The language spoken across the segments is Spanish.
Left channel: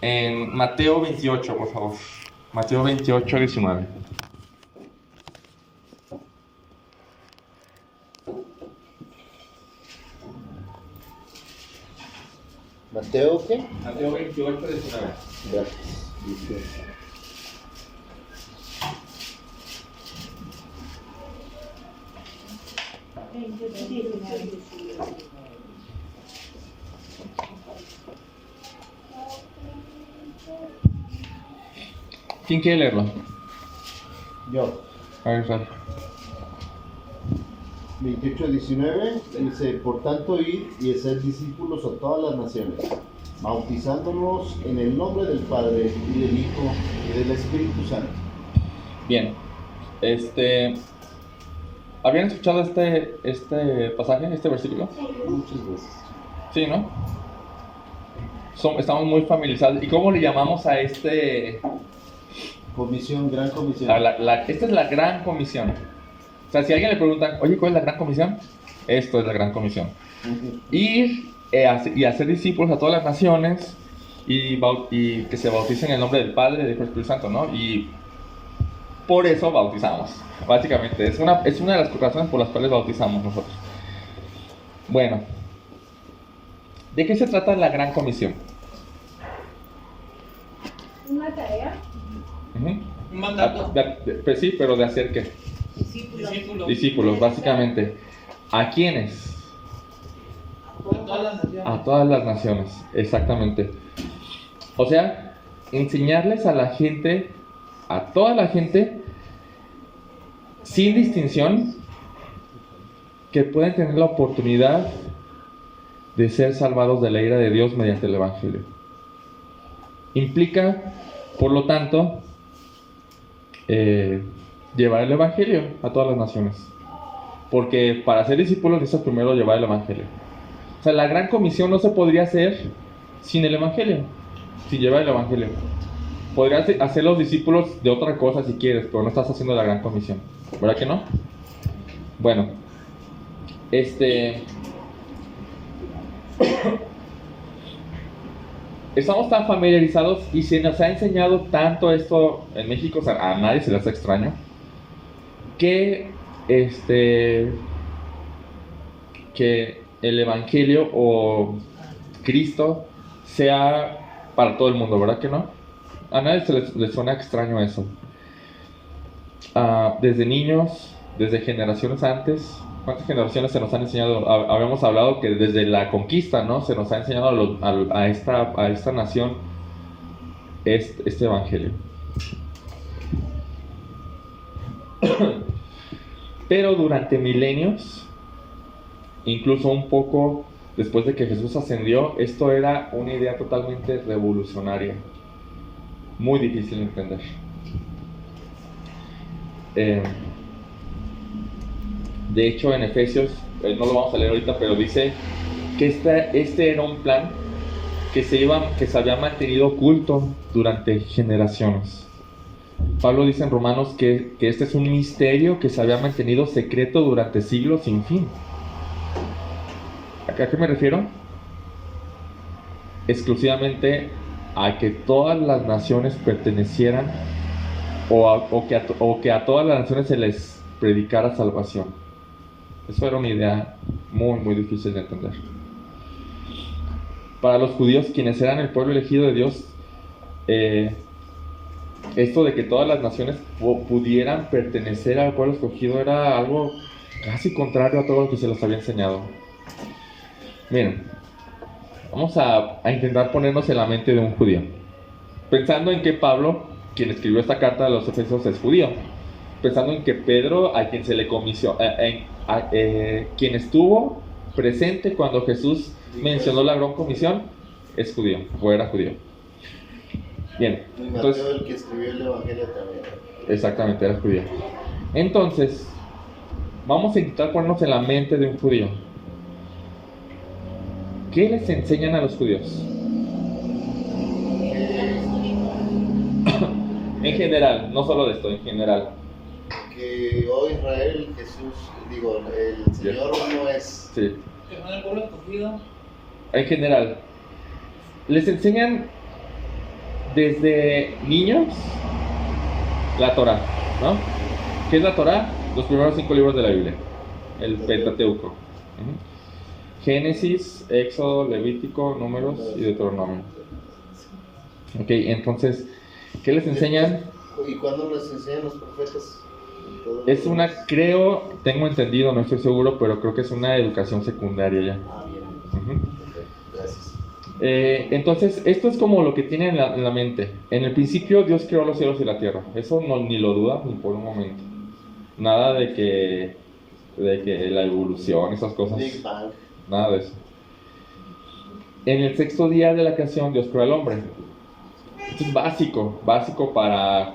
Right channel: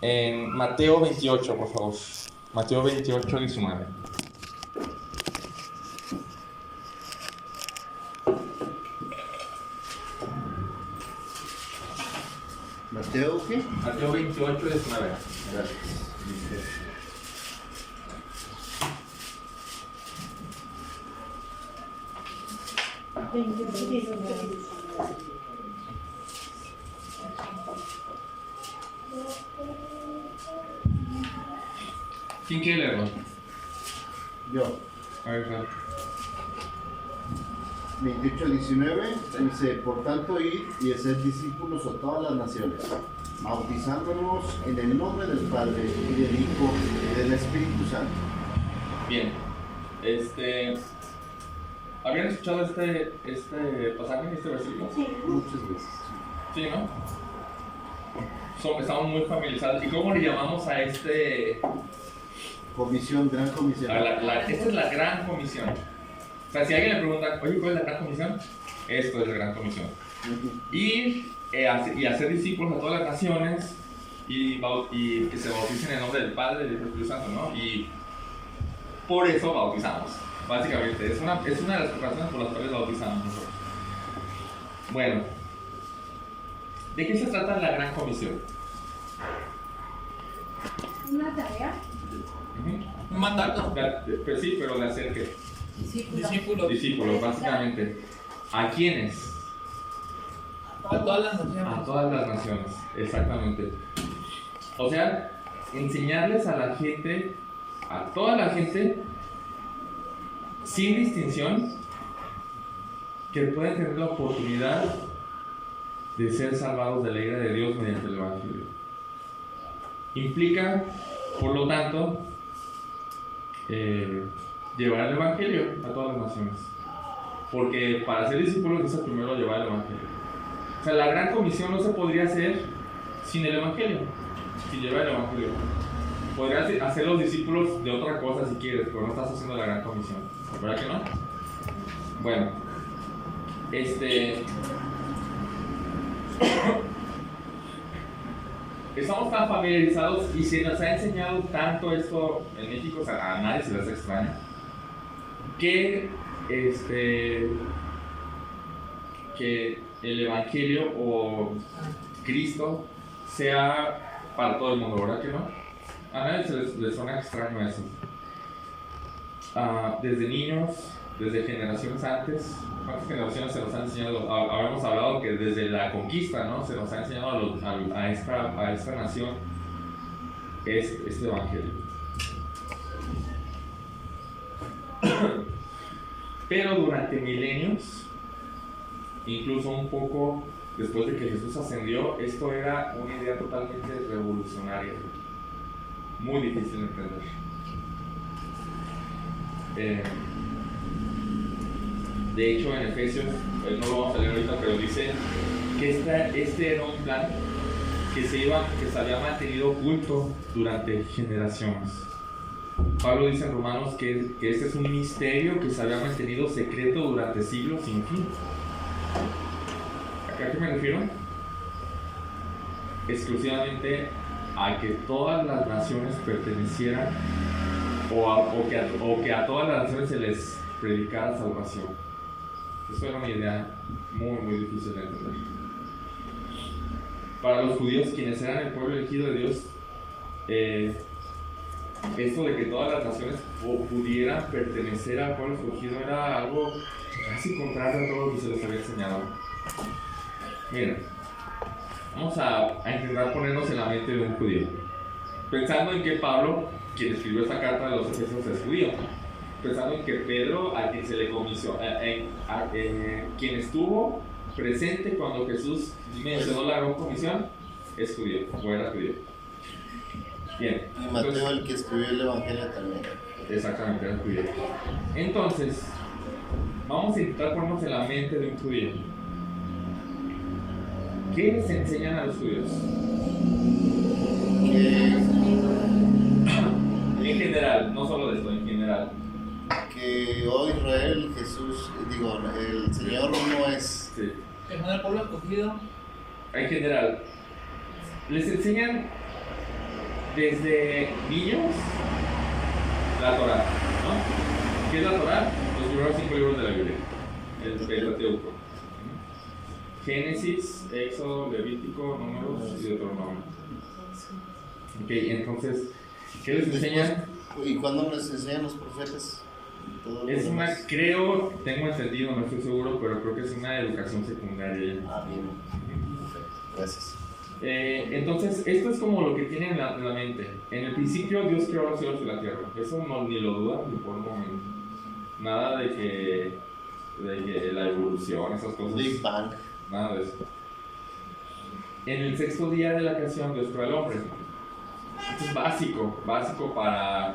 En Mateo 28, por favor. Mateo 28, 19. ¿Mateo qué? Mateo 28, 19. Gracias. ¿Quién quiere leerlo? Yo. A ver, Sal. 28-19 dice: por tanto, id y haced discípulos a todas las naciones, bautizándonos en el nombre del Padre y del Hijo y del Espíritu Santo. Bien. ¿Habían escuchado este pasaje, este versículo? Muchas veces. Sí, ¿no? Estamos muy familiarizados. ¿Y cómo le llamamos a Comisión, gran comisión. esta es la gran comisión? O sea, si a alguien le preguntan, oye, ¿cuál es la gran comisión? Esto es la gran comisión. Ir y hacer discípulos a todas las naciones y que se bauticen en el nombre del Padre, del Hijo y del Espíritu Santo, ¿no? Y por eso bautizamos, básicamente. Es una de las razones por las cuales bautizamos nosotros. Bueno, ¿de qué se trata la gran comisión? Una tarea. Un mandato. Pues sí, pero de hacer qué? Discípulos, básicamente. ¿A quiénes? A todas las naciones. A todas las naciones, exactamente. O sea, enseñarles a la gente, a toda la gente, sin distinción, que pueden tener la oportunidad de ser salvados de la ira de Dios mediante el Evangelio. Implica, por lo tanto, llevar el Evangelio a todas las naciones. Porque para ser discípulos necesitas primero llevar el Evangelio. O sea, la gran comisión no se podría hacer sin el Evangelio, sin llevar el Evangelio. Podrías hacer los discípulos de otra cosa si quieres, pero no estás haciendo la gran comisión. ¿Verdad que no? Bueno, estamos tan familiarizados y se nos ha enseñado tanto esto en México, o sea, a nadie se le hace extraño, que el Evangelio o Cristo sea para todo el mundo, ¿verdad que no? A nadie le suena extraño eso. Desde niños, desde generaciones antes, ¿cuántas generaciones se nos han enseñado? Habíamos hablado que desde la conquista, ¿no? Se nos ha enseñado a esta nación este Evangelio. Pero durante milenios, incluso un poco después de que Jesús ascendió, esto era una idea totalmente revolucionaria, muy difícil de entender. De hecho, en Efesios, no lo vamos a leer ahorita, pero dice que este era un plan que se había mantenido oculto durante generaciones. Pablo dice en Romanos que este es un misterio que se había mantenido secreto durante siglos sin fin. ¿A qué me refiero? Exclusivamente a que todas las naciones pertenecieran o que a todas las naciones se les predicara salvación. Eso era una idea muy, muy difícil de entender. Para los judíos, quienes eran el pueblo elegido de Dios, esto de que todas las naciones pudieran pertenecer al pueblo escogido era algo casi contrario a todo lo que se les había enseñado. Miren, vamos a intentar ponernos en la mente de un judío, pensando en que Pablo, quien escribió esta carta de los Efesios, es judío, pensando en que Pedro, a quien se le comisionó, quien estuvo presente cuando Jesús mencionó la gran comisión, es judío, o era judío. Bien, Y Mateo, el que escribió el Evangelio, también. Exactamente, era judío. Entonces, vamos a intentar ponernos en la mente de un judío. ¿Qué les enseñan a los judíos? En general, no solo de esto, en general. Que hoy Israel, el Señor no es. Sí. Que son el pueblo escogido. En general, les enseñan desde niños, la Torá, ¿no? ¿Qué es la Torá? Los primeros 5 libros de la Biblia, el Pentateuco. Génesis, Éxodo, Levítico, Números y Deuteronomio. Ok, entonces, ¿qué les enseñan? ¿Y cuándo les enseñan los profetas? Es una, creo, tengo entendido, no estoy seguro, pero creo que es una educación secundaria ya. Ah, bien. Ok, gracias. Entonces, esto es como lo que tienen en la mente. En el principio Dios creó los cielos y la tierra. Eso no, ni lo duda ni por un momento. Nada de que la evolución, esas cosas. Big Bang. Nada de eso. En el 6º día de la creación Dios creó al hombre. Esto es básico para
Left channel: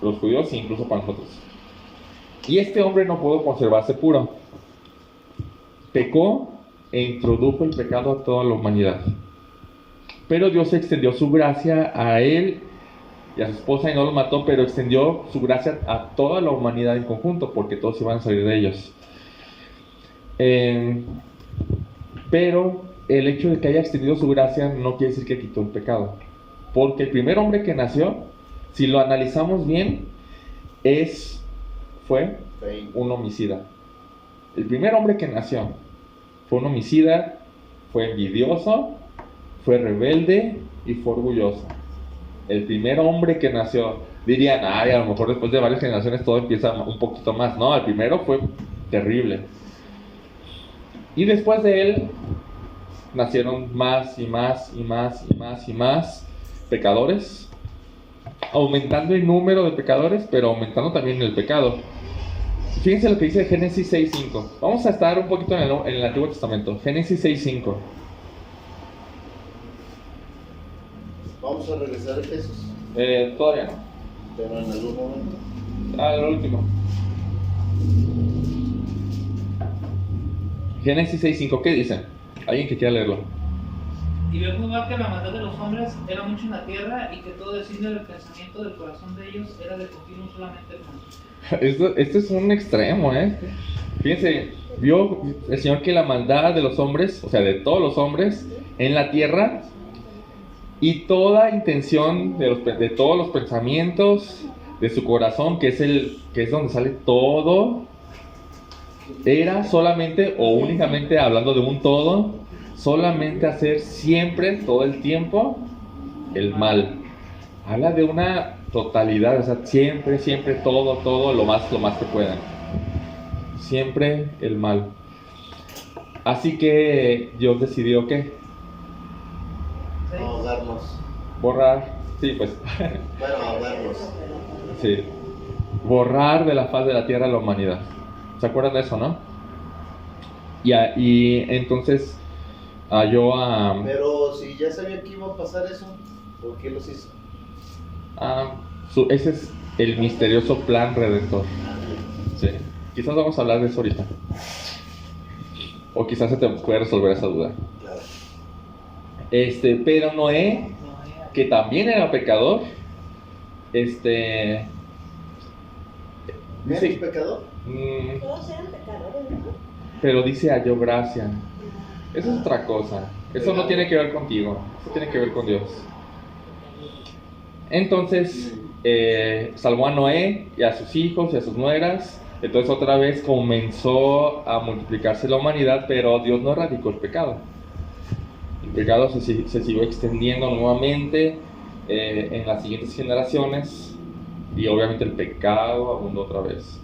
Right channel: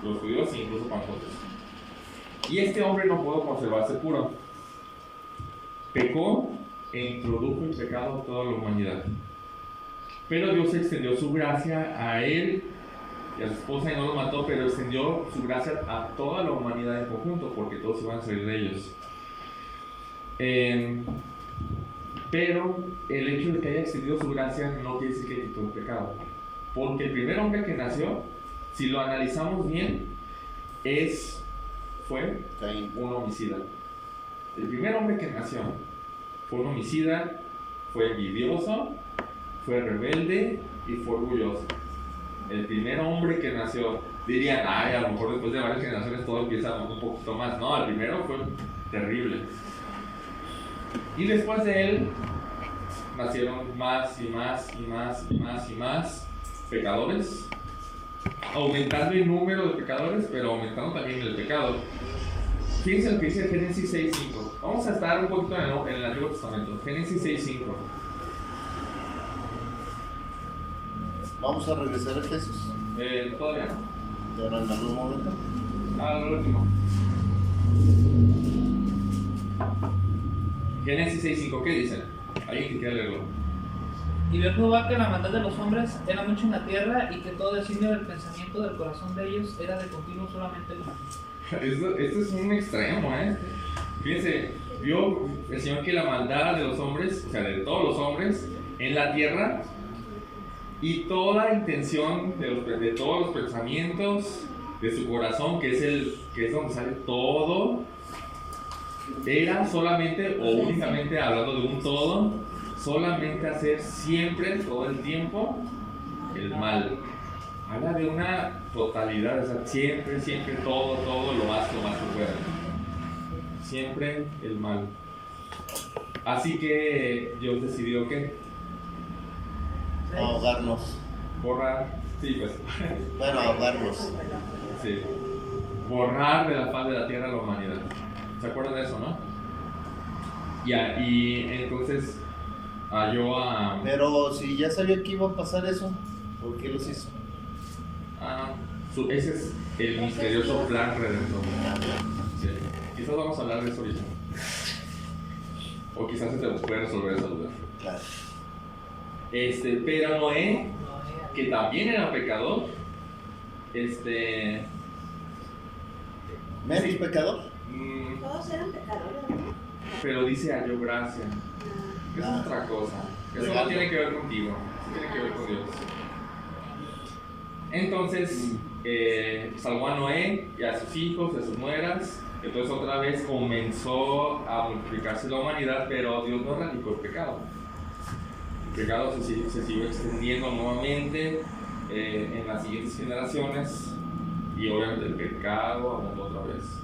los judíos e incluso para nosotros. Y este hombre no pudo conservarse puro. Pecó e introdujo el pecado a toda la humanidad. Pero Dios extendió su gracia a él y a su esposa y no los mató, pero extendió su gracia a toda la humanidad en conjunto, porque todos iban a salir de ellos. Pero el hecho de que haya extendido su gracia no quiere decir que quitó el pecado. Porque el primer hombre que nació, si lo analizamos bien, fue un homicida. El primer hombre que nació fue un homicida, fue envidioso, fue rebelde y fue orgulloso. El primer hombre que nació, dirían, ay, a lo mejor después de varias generaciones todo empieza un poquito más. No, el primero fue terrible. Y después de él nacieron más y más y más y más y más pecadores, aumentando el número de pecadores, pero aumentando también el pecado. Fíjense lo que dice Génesis 6.5. Vamos a estar un poquito en el Antiguo Testamento. Génesis 6.5. Vamos a regresar a Efesios. Todavía no. Pero en algún momento. Lo último. Génesis 6.5, ¿qué dice? ¿Alguien que quiera leerlo? Y vio Jehová que la maldad de los hombres era mucho en la tierra y que todo designio del pensamiento del corazón de ellos era de continuo solamente el mal. Esto es un extremo, ¿eh? Fíjense, vio el Señor que la maldad de los hombres, o sea, de todos los hombres en la tierra, y toda intención de todos los pensamientos de su corazón, que es donde sale todo, era solamente o únicamente, hablando de un todo, solamente hacer siempre, todo el tiempo, el mal. Habla de una totalidad, o sea, siempre, todo, lo más que puedan. Siempre el mal. Así que Dios decidió ¿qué? Ahogarnos. Borrar, sí, pues. Bueno, ahogarnos. Sí. Borrar de la faz de la tierra a la humanidad. ¿Se acuerdan de eso, no? Y entonces Pero si ya sabía que iba a pasar eso, ¿por qué los hizo? Ese es el misterioso plan redentor. Sí. Quizás vamos a hablar de eso ahorita. O quizás se te puede resolver esa duda. Claro. Pero Noé, que también era pecador, ¿Me sí. pecador? Todos eran pecadores, ¿no? Pero dice halló gracia. Eso es otra cosa. Eso no tiene que ver contigo. Eso tiene que ver con Dios. Entonces, salvó a Noé y a sus hijos y a sus nueras. Entonces otra vez comenzó a multiplicarse la humanidad, pero Dios no erradicó el pecado. El pecado se siguió extendiendo nuevamente en las siguientes generaciones, y obviamente el pecado abundó otra vez.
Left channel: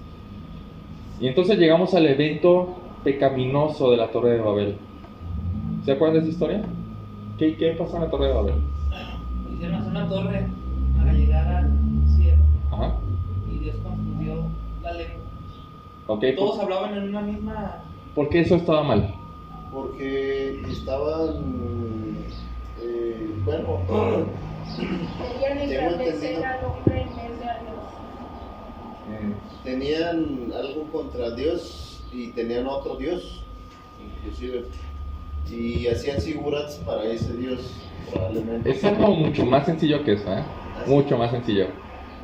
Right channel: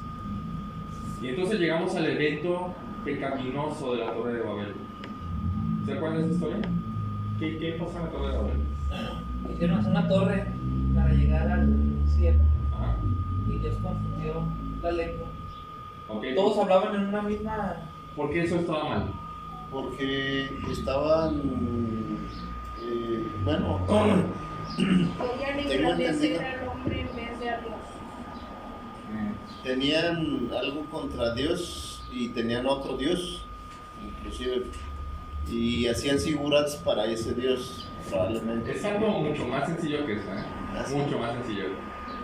Y entonces llegamos al evento pecaminoso de la Torre de Babel. ¿Se acuerdan de esa historia? ¿Qué pasó en la Torre de Babel? Hicieron hacer una torre para llegar al cielo. Ajá. Y Dios confundió la lengua. Okay, Todos hablaban en una misma. ¿Por qué eso estaba mal? Porque estaban, bueno, Querían tengo engrandecer entendido, al hombre en vez de a Dios. tenían algo contra Dios y tenían otro Dios, inclusive, y hacían figurats para ese Dios, probablemente. Es algo mucho más sencillo que eso, ¿eh? ¿Así? Mucho más sencillo.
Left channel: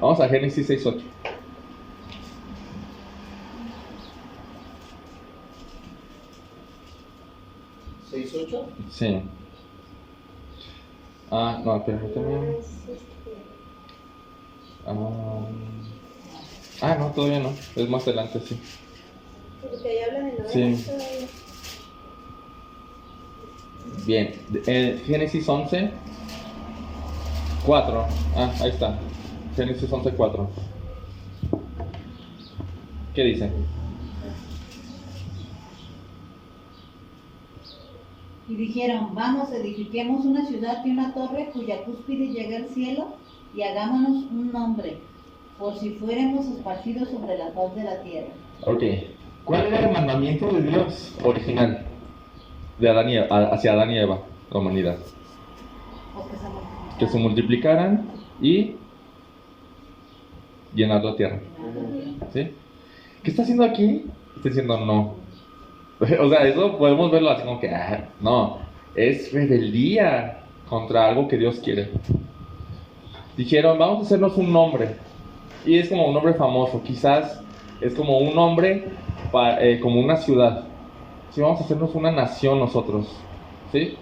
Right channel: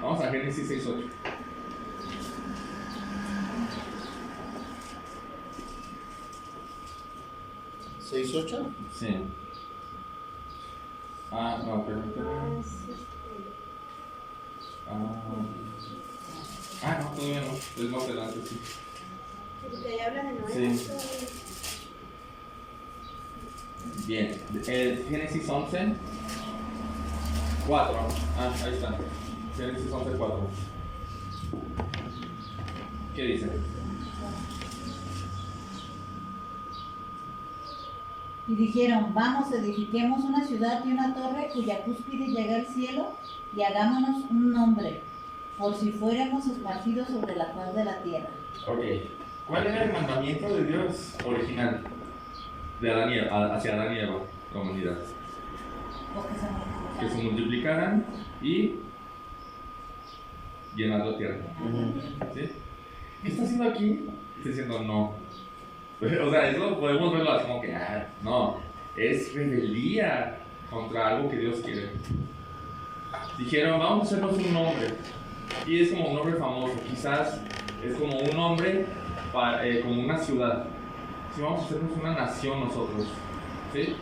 Vamos a Génesis 6.8. ¿6:8? Sí. No, permíteme. No, todavía no. Es más adelante, sí. Porque ahí hablan de Noé. Sí. Bien. Génesis 11, 4. Ahí está. Génesis 11, 4. ¿Qué dice? Y dijeron, vamos, edifiquemos una ciudad y una torre cuya cúspide llegue al cielo y hagámonos un nombre, por si fuéramos esparcidos sobre la faz de la tierra. Ok. ¿Cuál era el mandamiento de Dios original de Adán y hacia Adán y Eva, la humanidad? Que se multiplicaran y llenar la tierra. ¿Sí? ¿Qué está haciendo aquí? Está diciendo no. O sea, eso podemos verlo así como que, no, es rebeldía contra algo que Dios quiere. Dijeron, vamos a hacernos un nombre. Y es como un nombre famoso, quizás es como un nombre, como una ciudad. Sí, vamos a hacernos una nación nosotros. ¿Sí?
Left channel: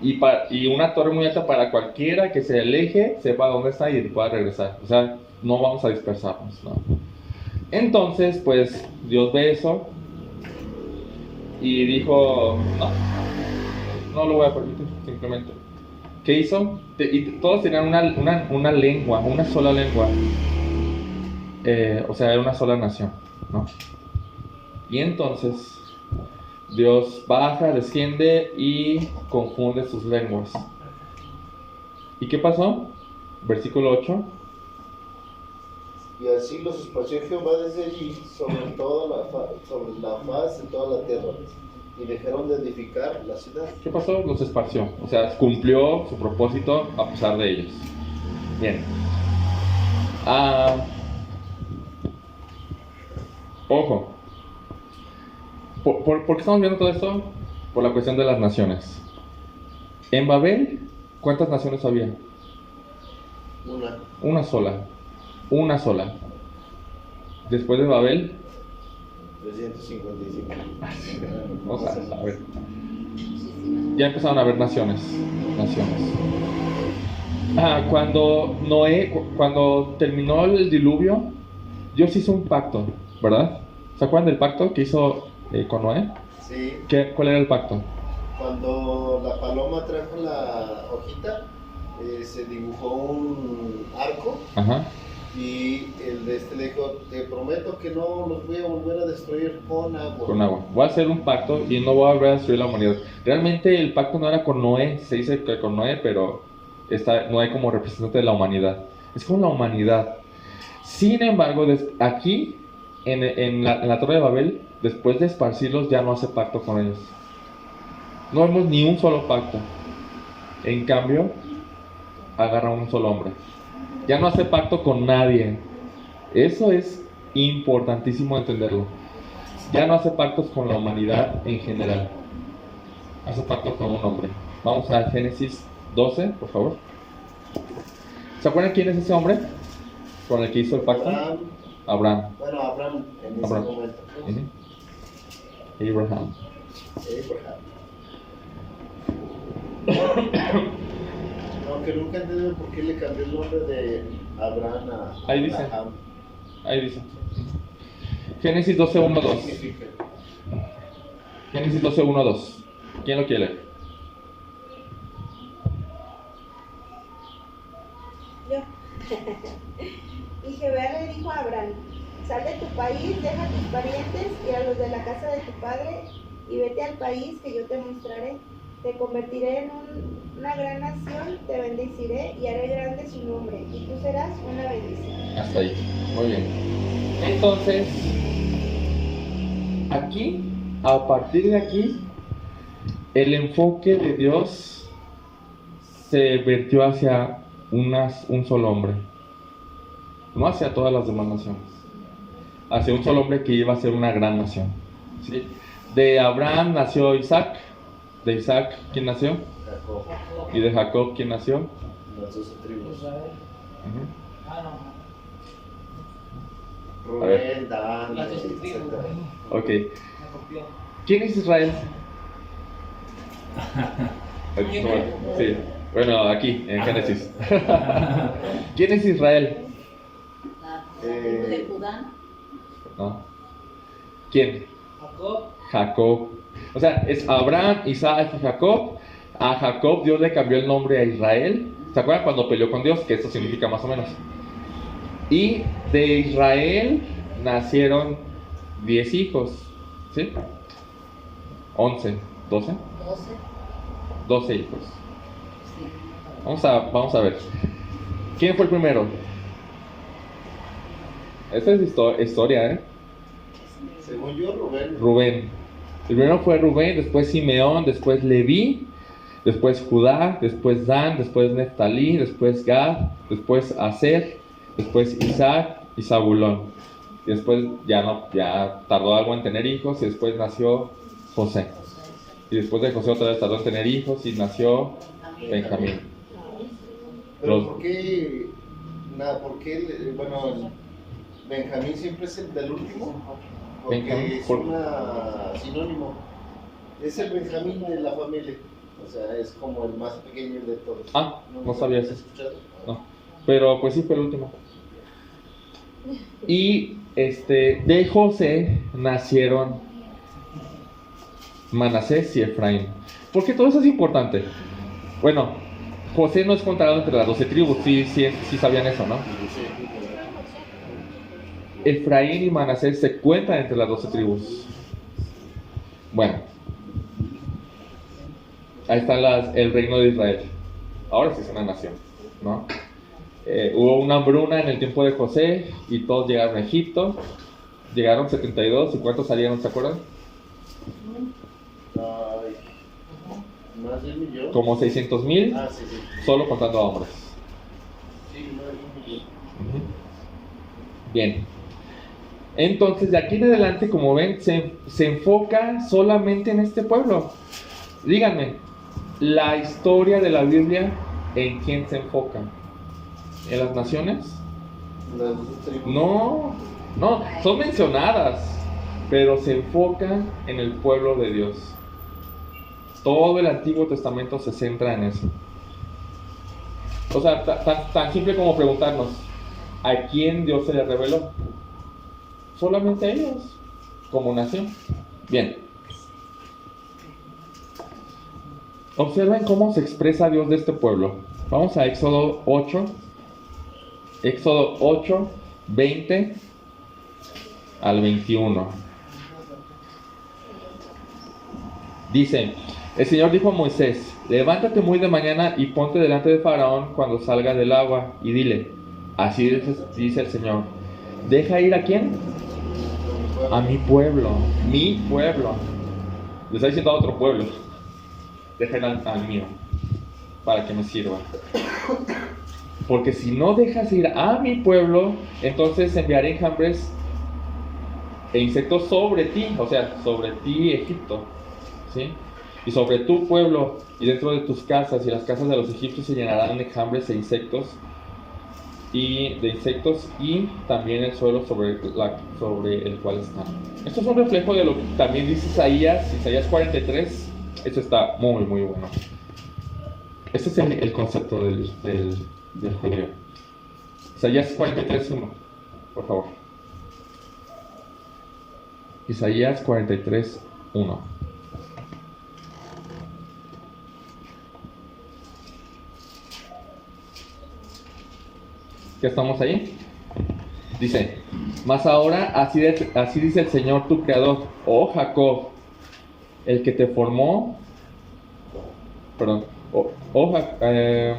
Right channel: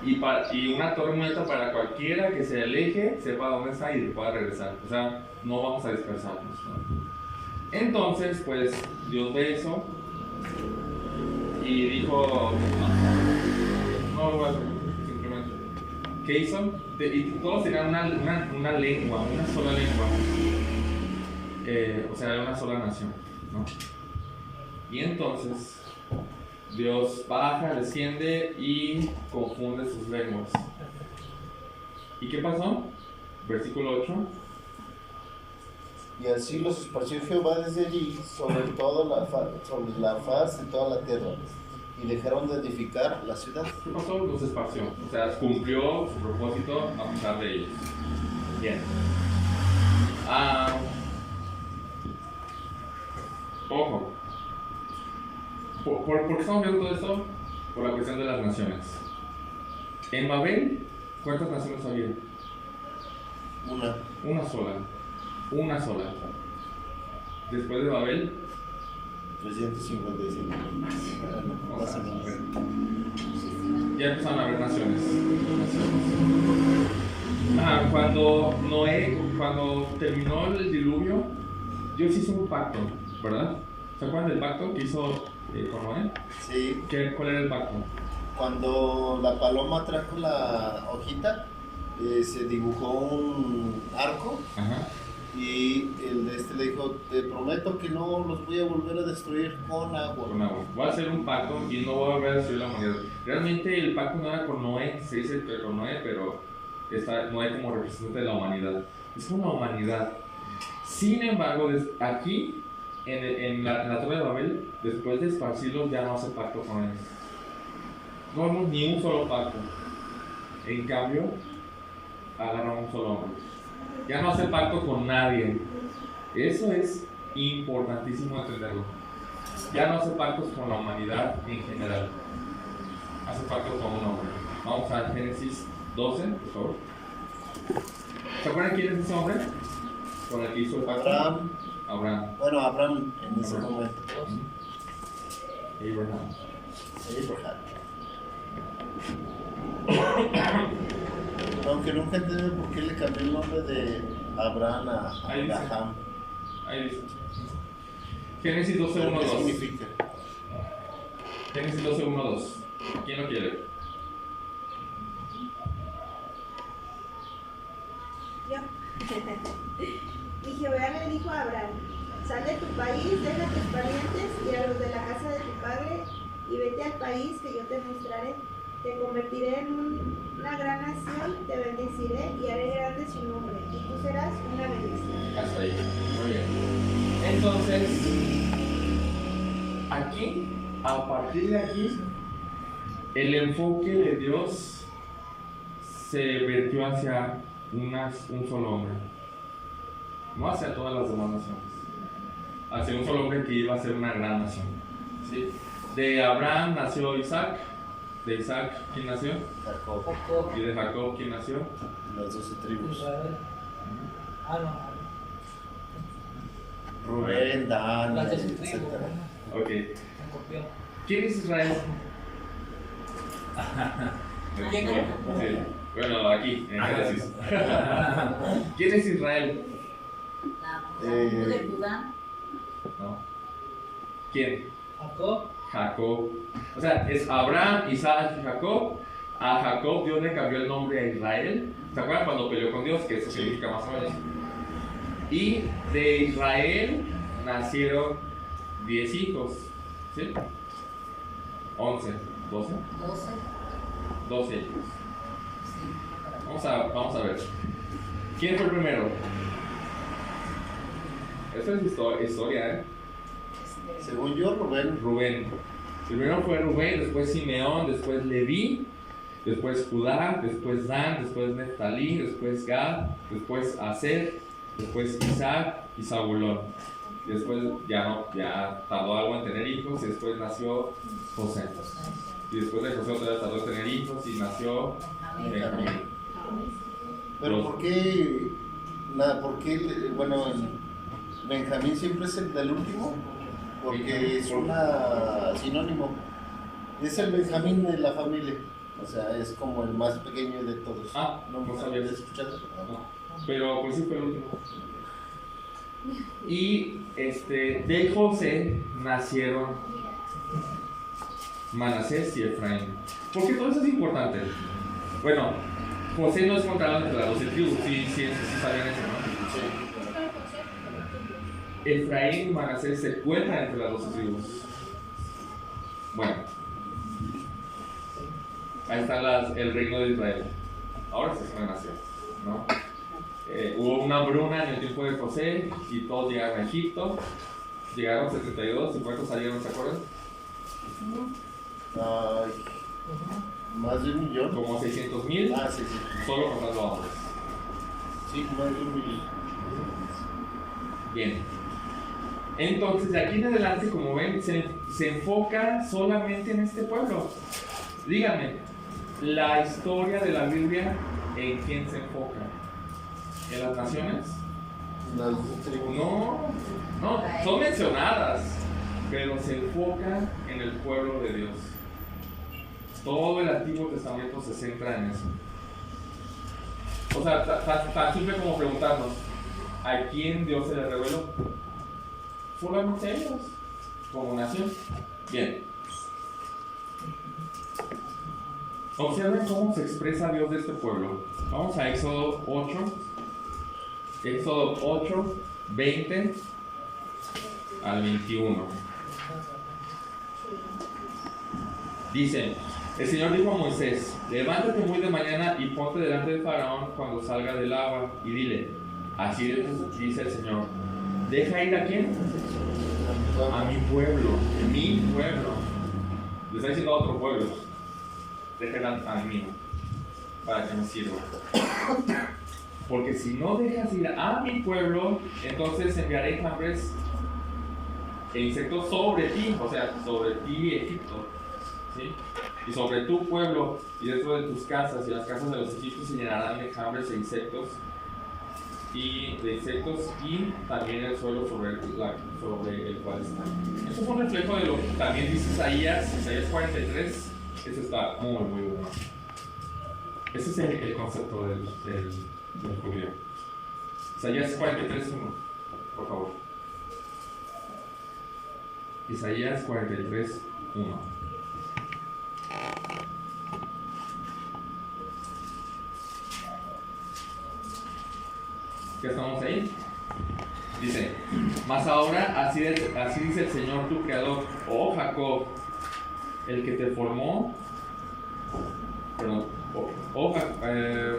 Y una torre muy alta para cualquiera que se aleje, sepa dónde está y pueda regresar. O sea, no vamos a dispersarnos, ¿no? Entonces, pues, Dios ve eso y dijo, no lo voy a permitir, simplemente. ¿Qué hizo? Y todos tenían una lengua, una sola lengua. O sea, era una sola nación, ¿no? Y entonces Dios baja, desciende y confunde sus lenguas. ¿Y qué pasó? Versículo 8. Y así los esparció Jehová desde allí sobre la faz de toda la tierra, y dejaron de edificar la ciudad. ¿Qué pasó? Los esparció. O sea, cumplió su propósito a pesar de ellos. Bien. Ojo. ¿Por qué estamos viendo todo esto? Por la cuestión de las naciones. En Babel, ¿cuántas naciones había? Una sola. Una sola. Después de Babel, 355. o sea, a ver. Ya empezaron a haber naciones. Cuando terminó el diluvio, Dios hizo un pacto, ¿verdad? ¿Se acuerdan del pacto que hizo con Noé? Sí. ¿Cuál era el pacto? Cuando la paloma trajo la hojita, se dibujó un arco. Ajá. Y el de le dijo, te prometo que no los voy a volver a destruir con agua. Con agua. Voy a hacer un pacto y no voy a volver a destruir la humanidad. Realmente el pacto no era con Noé, se dice que con Noé, pero está Noé como representante de la humanidad. Es con la humanidad. Sin embargo, aquí, en la Torre de Babel, después de esparcirlos, ya no hace pacto con ellos. No vemos ni un solo pacto. En cambio, agarra un solo hombre. Ya no hace pacto con nadie. Eso es importantísimo entenderlo. Ya no hace pactos con la humanidad en general. Hace pactos con un hombre. Vamos a Génesis 12, por favor. ¿Se acuerdan quién es ese hombre con el que hizo el pacto? Abraham. Bueno, Abraham en ese momento. Abraham. Aunque nunca entendí por qué le cambió el nombre de Abraham a Abraham. Ahí dice. Génesis 12, 1, 2. ¿Qué significa? Génesis 12, 1, 2. ¿Quién lo quiere? Yo. Y Jehová le dijo a Abraham, sal de tu país, deja a tus parientes y a los de la casa de tu padre y vete al país que yo te mostraré. Te convertiré en una gran nación, te bendeciré y haré grande su nombre, y tú serás una bendición. Hasta ahí. Muy bien. Entonces, aquí, a partir de aquí, el enfoque de Dios se vertió hacia un solo hombre. No hacia todas las demás naciones. Hacia un solo hombre que iba a ser una gran nación. ¿Sí? De Abraham nació Isaac. De Isaac, ¿quién nació? Jacob. Y de Jacob, ¿quién nació? Las 12 tribus. Rubén, Dan, Las 12 etc. tribus. Ok. ¿Quién es Israel? Sí. Bueno, aquí, en Génesis. ¿Quién es Israel? La tribu de Judá. No. ¿Quién? Jacob. Jacob. O sea, es Abraham, Isaac y Jacob. A Jacob Dios le cambió el nombre a Israel. ¿Se acuerdan cuando peleó con Dios? Que esto significa más o menos. Y de Israel nacieron 10 hijos. ¿Sí? 11, 12. 12. 12 hijos. Sí. Vamos a ver. ¿Quién fue el primero? Esta es historia, ¿eh? Según yo, Rubén. Rubén. El primero fue Rubén, después Simeón, después Leví, después Judá, después Dan, después Neftalí, después Gad, después Aser, después Isaac y Zabulón. Y después ya tardó algo en tener hijos y después nació José. Y después de José otra vez tardó en tener hijos y nació Benjamín. Pero ¿por qué? Bueno, Benjamín siempre es el del último. Porque Benjamín, es una sinónimo. Es el Benjamín de la familia. O sea, es como el más pequeño de todos. Ah, no sabía ¿Has eso. escuchado? No. Pero pues sí fue el último. Y de José nacieron Manasés y Efraín. ¿Por qué todo eso es importante? Bueno, José no es contado entre las 12 tribus, sí sabían eso, ¿no? Efraín y Manasés se cuentan entre las 12 tribus. Bueno, ahí está el reino de Israel. Ahora sí es una nación, ¿no? Hubo una hambruna en el tiempo de José y todos llegaron a Egipto. Llegaron 72. ¿Y cuántos salieron, se acuerdan? Ay, más de 1 millón. Como 600,000, Ah, sí. solo contando a hombres. Sí, más de 1 millón. Bien. Entonces, de aquí en adelante, como ven, se enfoca solamente en este pueblo. Díganme, la historia de la Biblia, ¿en quién se enfoca? ¿En las naciones? Las tribus. No, son mencionadas, pero se enfoca en el pueblo de Dios. Todo el Antiguo Testamento se centra en eso. O sea, tan simple como preguntarnos, ¿a quién Dios se le reveló? Solamente a ellos, como nación. Bien. Observen cómo se expresa Dios de este pueblo. Vamos a Éxodo 8. Éxodo 8, 20 al 21. Dice, el Señor dijo a Moisés, levántate muy de mañana y ponte delante de Faraón cuando salga del agua y dile, así dice el Señor, ¿deja ir a quién? A mi pueblo. Le está diciendo a otro pueblo, deja ir al mío, para que me sirva. Porque si no dejas ir a mi pueblo, entonces enviaré enjambres e insectos sobre ti, o sea, sobre ti, Egipto, ¿sí? Y sobre tu pueblo y dentro de tus casas, y las casas de los egipcios se llenarán de enjambres e insectos, y también el suelo sobre el cual están. Esto es un reflejo de lo que también dice Isaías 43. Esto está muy, muy bueno. Este es el concepto del judío. Isaías 43:1, por favor. Isaías 43:1. ¿Ya estamos ahí? Dice, mas ahora así dice el Señor tu creador, oh Jacob, el que te formó,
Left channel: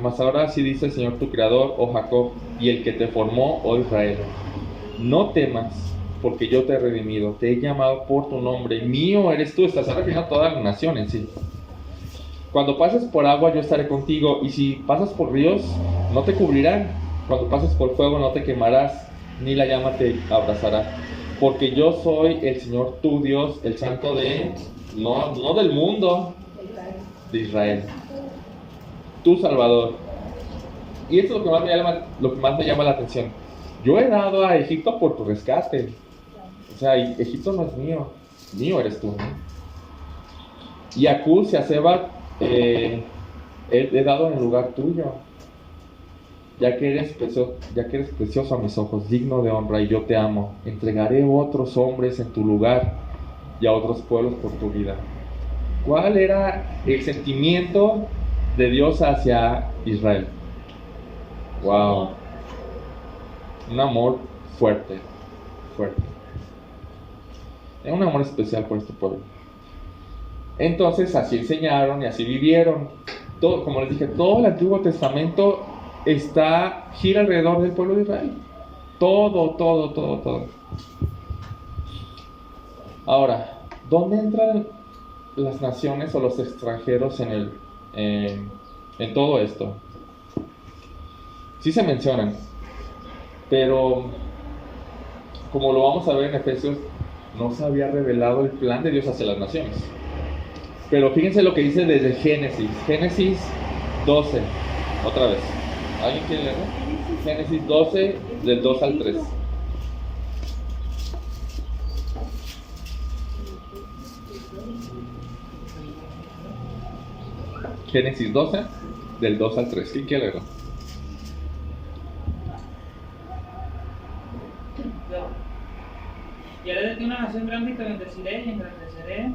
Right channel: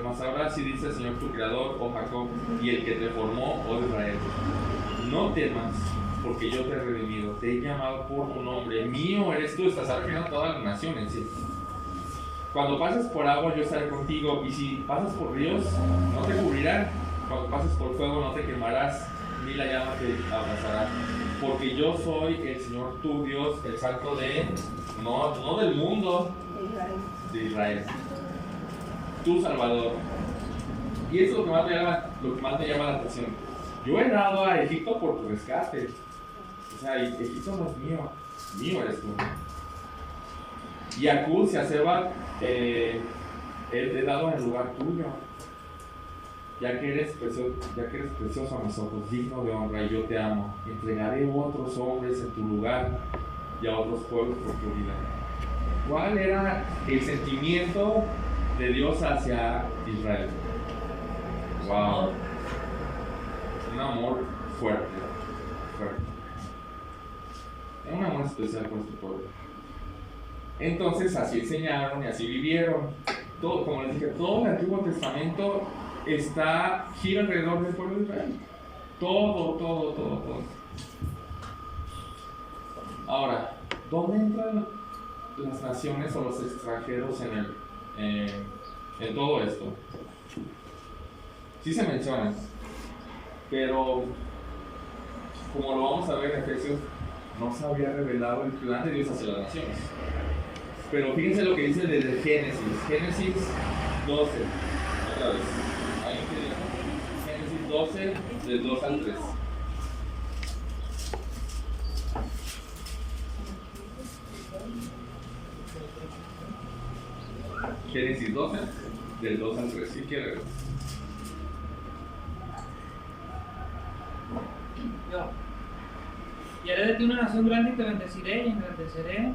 mas ahora así dice el Señor tu creador, oh Jacob, y el que te formó, oh Israel, no temas, porque yo te he redimido, te he llamado por tu nombre, mío eres tú. Estás refiriendo a toda la nación en sí. Cuando pases por agua yo estaré contigo, y si pasas por ríos no te cubrirán. Cuando pases por fuego no te quemarás, ni la llama te abrazará, porque yo soy el Señor tu Dios, el Santo no del mundo, de Israel, tu Salvador. Y esto es lo que más me llama la atención. Yo he dado a Egipto por tu rescate. O sea, Egipto no es mío eres tú. Y Acús y a Seba he dado en lugar tuyo. Ya que eres precioso a mis ojos, digno de honra, y yo te amo. Entregaré otros hombres en tu lugar y a otros pueblos por tu vida. ¿Cuál era el sentimiento de Dios hacia Israel? Wow. Un amor fuerte. Era un amor especial por este pueblo. Entonces así enseñaron y así vivieron. Todo, como les dije, todo el Antiguo Testamento gira alrededor del pueblo de Israel. Todo. Ahora, ¿dónde entran las naciones o los extranjeros en todo esto? Sí se mencionan, pero como lo vamos a ver en Efesios, no se había revelado el plan de Dios hacia las naciones. Pero fíjense lo que dice desde Génesis 12, otra vez. ¿Alguien quiere leerlo? Génesis 12, del 2 al 3. Génesis 12, del 2 al 3. ¿Quién quiere leerlo? Yo. Y haré de ti una nación grande y te bendeciré y engrandeceré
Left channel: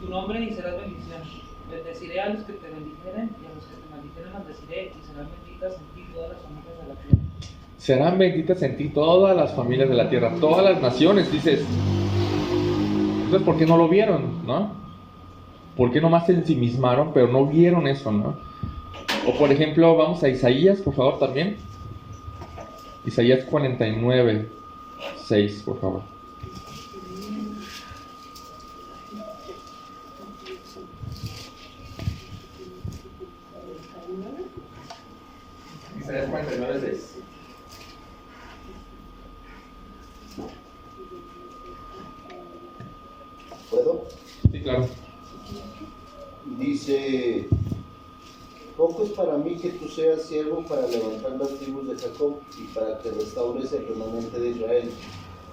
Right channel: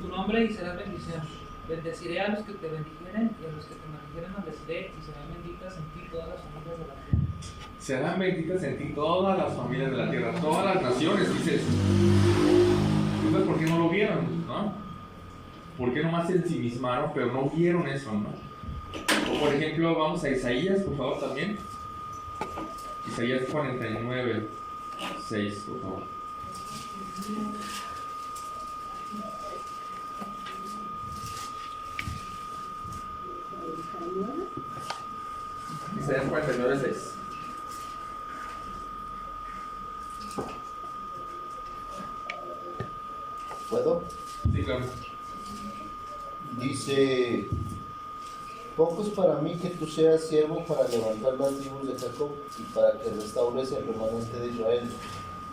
tu nombre y serás bendición. Bendeciré a los que te bendijeren y a los que te maldijeren maldeciré, y serán benditas en ti todas las familias de la tierra. Serán benditas en ti todas las familias de la tierra, todas las naciones, dices. Entonces, ¿por qué no lo vieron, no? ¿Por qué nomás se ensimismaron, pero no vieron eso, no? O por ejemplo, vamos a Isaías, por favor, también. Isaías 49, 6, por favor. Isaías 49, 6. ¿Puedo? Sí, claro. Dice: poco es para mí que tú seas siervo para levantar las tribus de Jacob y para que restaures el remanente de Israel.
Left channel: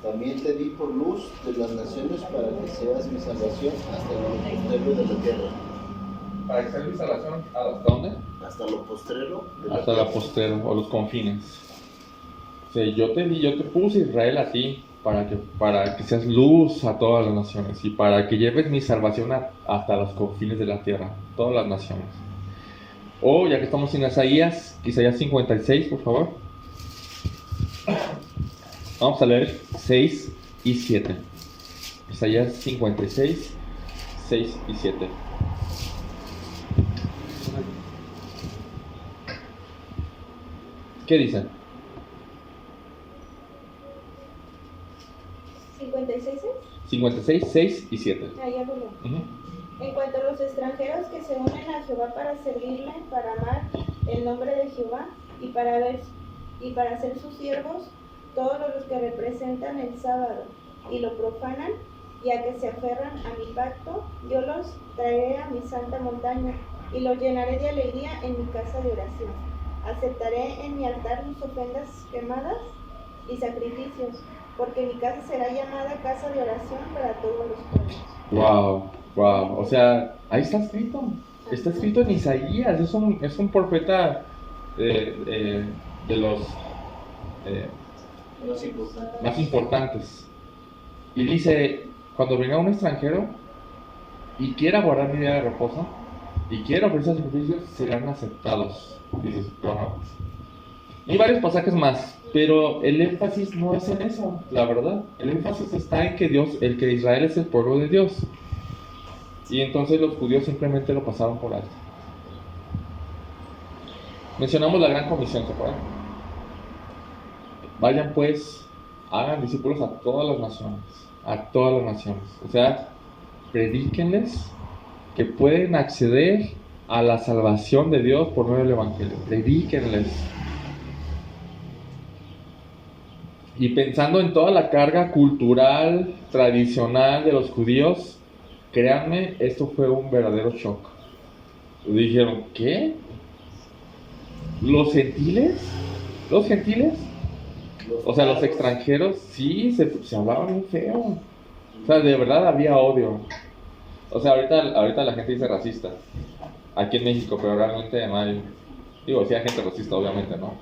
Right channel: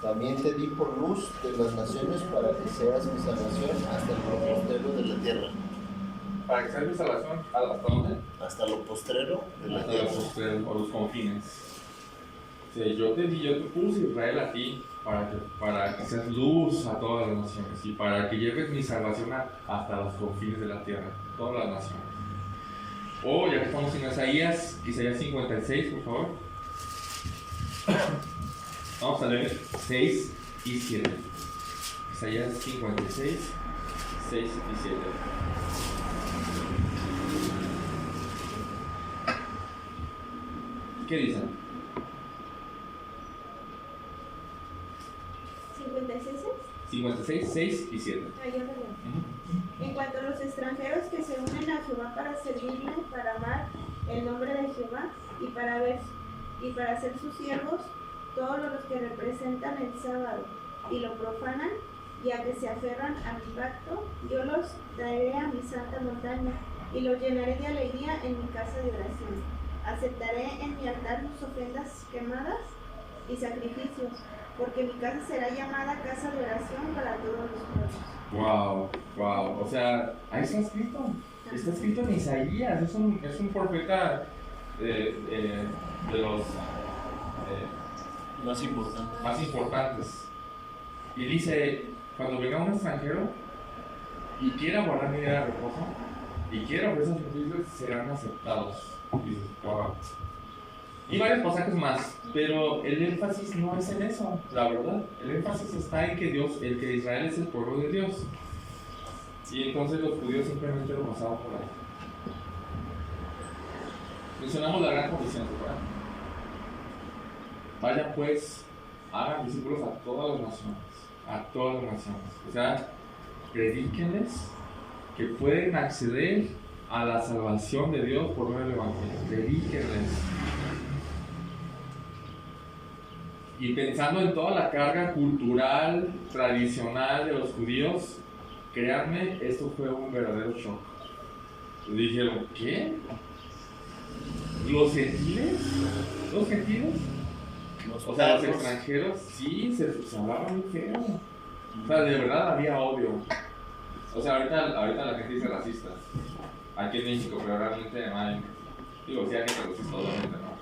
También te di por luz de las naciones para que seas mi salvación hasta lo postrero de la tierra. ¿Para que sea mi salvación? ¿Hasta dónde? Hasta lo postrero de la Hasta tierra. la postrero o los confines. O sea, yo te puse Israel a ti para que seas luz a todas las naciones y para que lleves mi salvación hasta los confines de la tierra, todas las naciones. O ya que estamos en Isaías 56, por favor. Vamos a leer 6 y 7. Isaías 56, 6 y 7. ¿Qué dicen? 56. 56, 6 y 7. Ah, ya lo leo. En cuanto a los extranjeros que se unen a Jehová para servirle, para amar el nombre de Jehová y para ser sus siervos, todos los que representan el sábado y lo profanan, y a que se aferran a mi pacto, yo los traeré a mi santa montaña y los llenaré de alegría en mi casa de oración. Aceptaré en mi altar sus ofrendas quemadas y sacrificios, porque mi casa será llamada casa de oración para todos los pueblos. Wow. O sea, ahí está escrito. Está escrito en Isaías. Es un profeta de los más importantes. Y dice, cuando venga un extranjero y quiera guardar mi día de reposo y quiera ofrecer sacrificios, serán aceptados. Dices, wow. Hay varios pasajes más, pero el énfasis no es en eso, la verdad. El énfasis está en que Israel es el pueblo de Dios. Y entonces los judíos simplemente lo pasaron por alto. Mencionamos la gran comisión, ¿se acuerdan? Vayan pues, hagan discípulos a todas las naciones. O sea, predíquenles que pueden acceder a la salvación de Dios por medio del Evangelio. Predíquenles. Y pensando en toda la carga cultural, tradicional de los judíos, créanme, esto fue un verdadero shock. Dijeron, ¿qué? ¿Los gentiles? O sea, los extranjeros, sí, se hablaban muy feo. O sea, de verdad había odio. O sea, ahorita la gente dice racista. aquí en México, pero realmente no hay, digo, sí hay gente racista, obviamente, ¿no?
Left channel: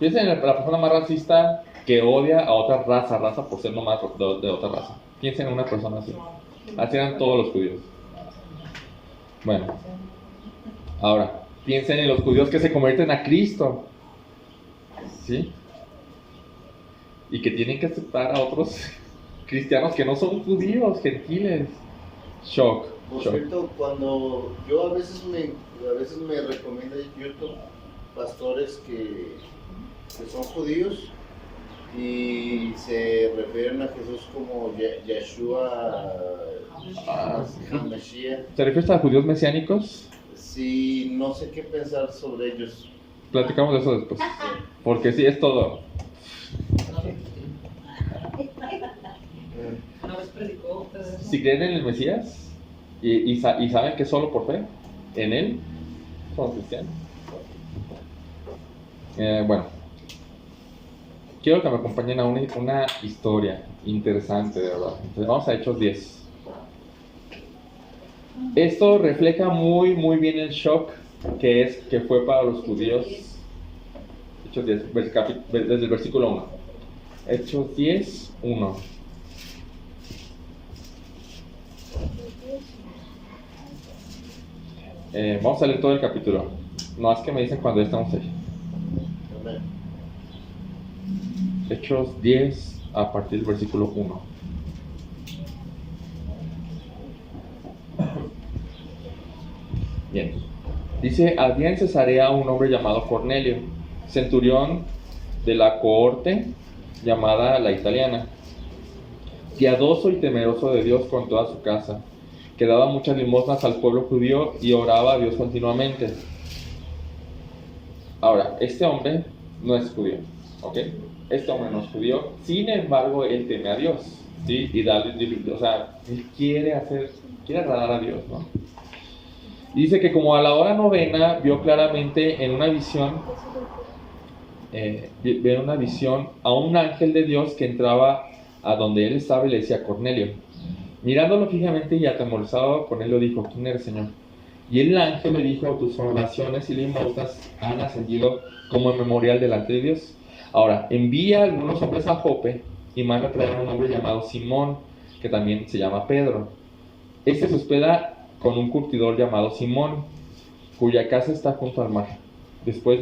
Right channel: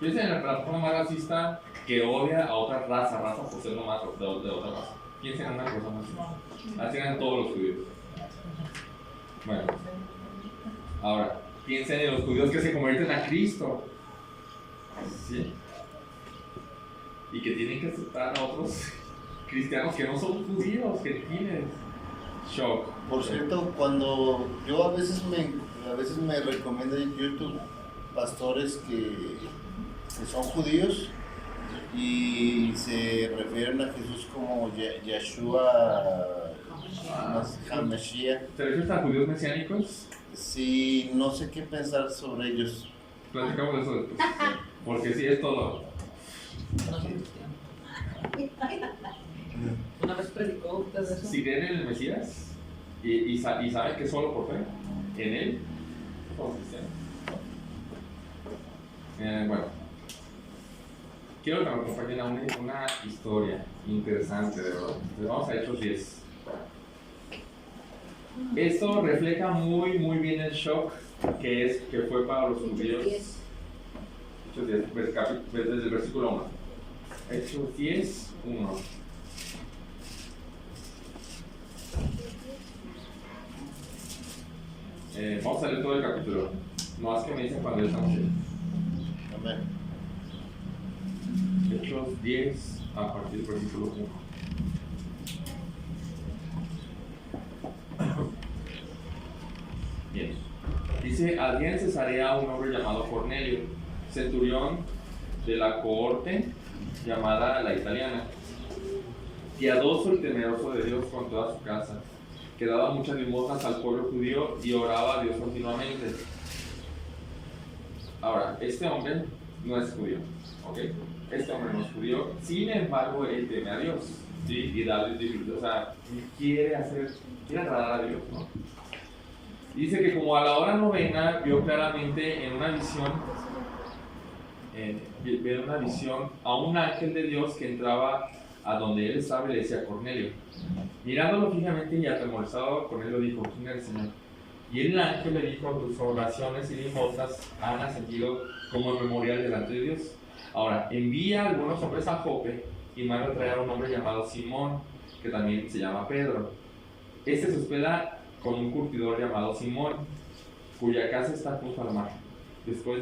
Piensen en la persona más racista que odia a otra raza por ser nomás de otra raza. Piensen en una persona así. Así eran todos los judíos. Bueno, ahora, piensen en los judíos que se convierten a Cristo, ¿sí? Y que tienen que aceptar a otros cristianos que no son judíos, gentiles. Shock. Por cierto, cuando yo a veces me recomienda en YouTube pastores que son judíos y se refieren a Jesús como Yeshua HaMashiach. ¿Te refieres a judíos mesiánicos? Sí, no sé qué pensar sobre ellos. Platicamos de eso después. Porque sí, es todo. No son cristianos. Una vez predicó usted eso. Si creen en el Mesías y saben que solo por fe en él son cristianos. Bueno, quiero que me acompañen a una historia interesante, de verdad. Entonces vamos a Hechos 10. Esto refleja muy bien el shock que fue para los judíos. Hechos 10, desde el versículo 1. Hechos 10, 1. Vamos a leer todo el capítulo. No es que me dicen cuando ya estamos ahí. Amén. Hechos 10 a partir del versículo 1. Bien. Dice, había en Cesarea un hombre llamado Cornelio, centurión de la cohorte llamada la italiana, piadoso y temeroso de Dios con toda su casa, que daba muchas limosnas al pueblo judío y oraba a Dios continuamente. Ahora, este hombre no es judío, ¿ok? Este hombre no es judío, sin embargo, él teme a Dios, ¿sí? Y o sea, él quiere agradar a Dios, ¿no? Dice que como a la hora novena vio claramente en una visión, a un ángel de Dios que entraba a donde él estaba y le decía Cornelio. Mirándolo fijamente y atemorizado, Cornelio dijo, ¿quién eres, Señor? Y el ángel le dijo, tus oraciones y limosnas han ascendido como memorial delante de Dios. Ahora, envía a algunos hombres a Jope y manda a traer a un hombre llamado Simón, que también se llama Pedro. Este se hospeda con un curtidor llamado Simón, cuya casa está junto al mar. Después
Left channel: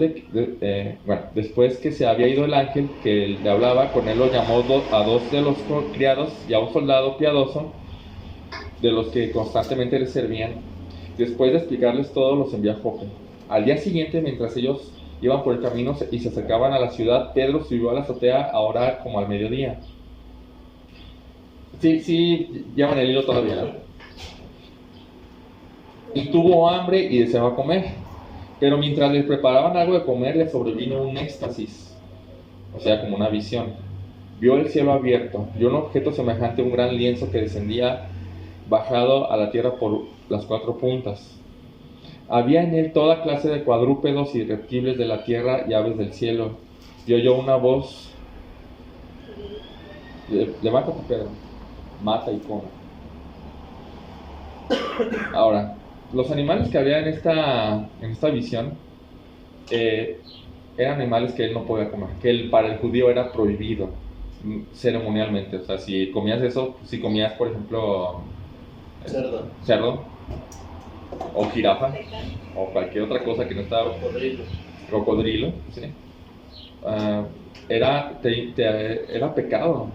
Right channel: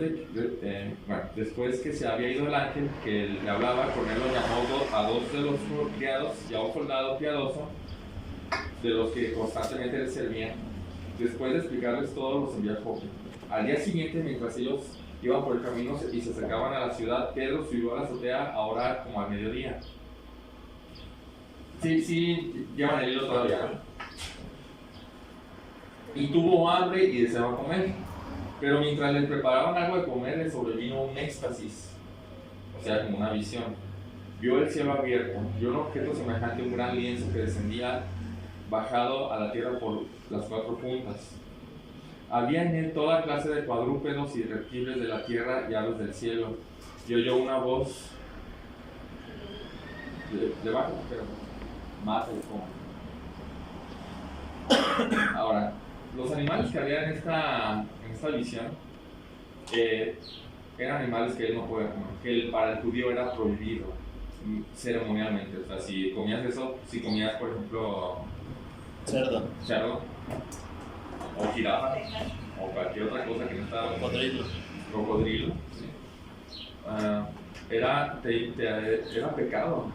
que se había ido el ángel que le hablaba, Cornelio llamó a dos de los criados y a un soldado piadoso de los que constantemente le servían. Después de explicarles todo, los envió a Jope. Al día siguiente, mientras ellos iban por el camino y se acercaban a la ciudad, Pedro subió a la azotea a orar como al mediodía. Sí, llevan el hilo todavía, ¿no? Y tuvo hambre y deseaba comer. Pero mientras les preparaban algo de comer, le sobrevino un éxtasis, o sea, como una visión. Vio el cielo abierto, vio un objeto semejante a un gran lienzo que descendía bajado a la tierra por las cuatro puntas. Había en él toda clase de cuadrúpedos y reptiles de la tierra y aves del cielo. Y oyó una voz: levanta tu perro, mata y come. Ahora, los animales que había en esta visión eran animales que él no podía comer, que para el judío era prohibido ceremonialmente. O sea, si comías eso, si comías, por ejemplo, cerdo o jirafa o cualquier otra cosa que no estaba, cocodrilo, ¿sí? Era pecado.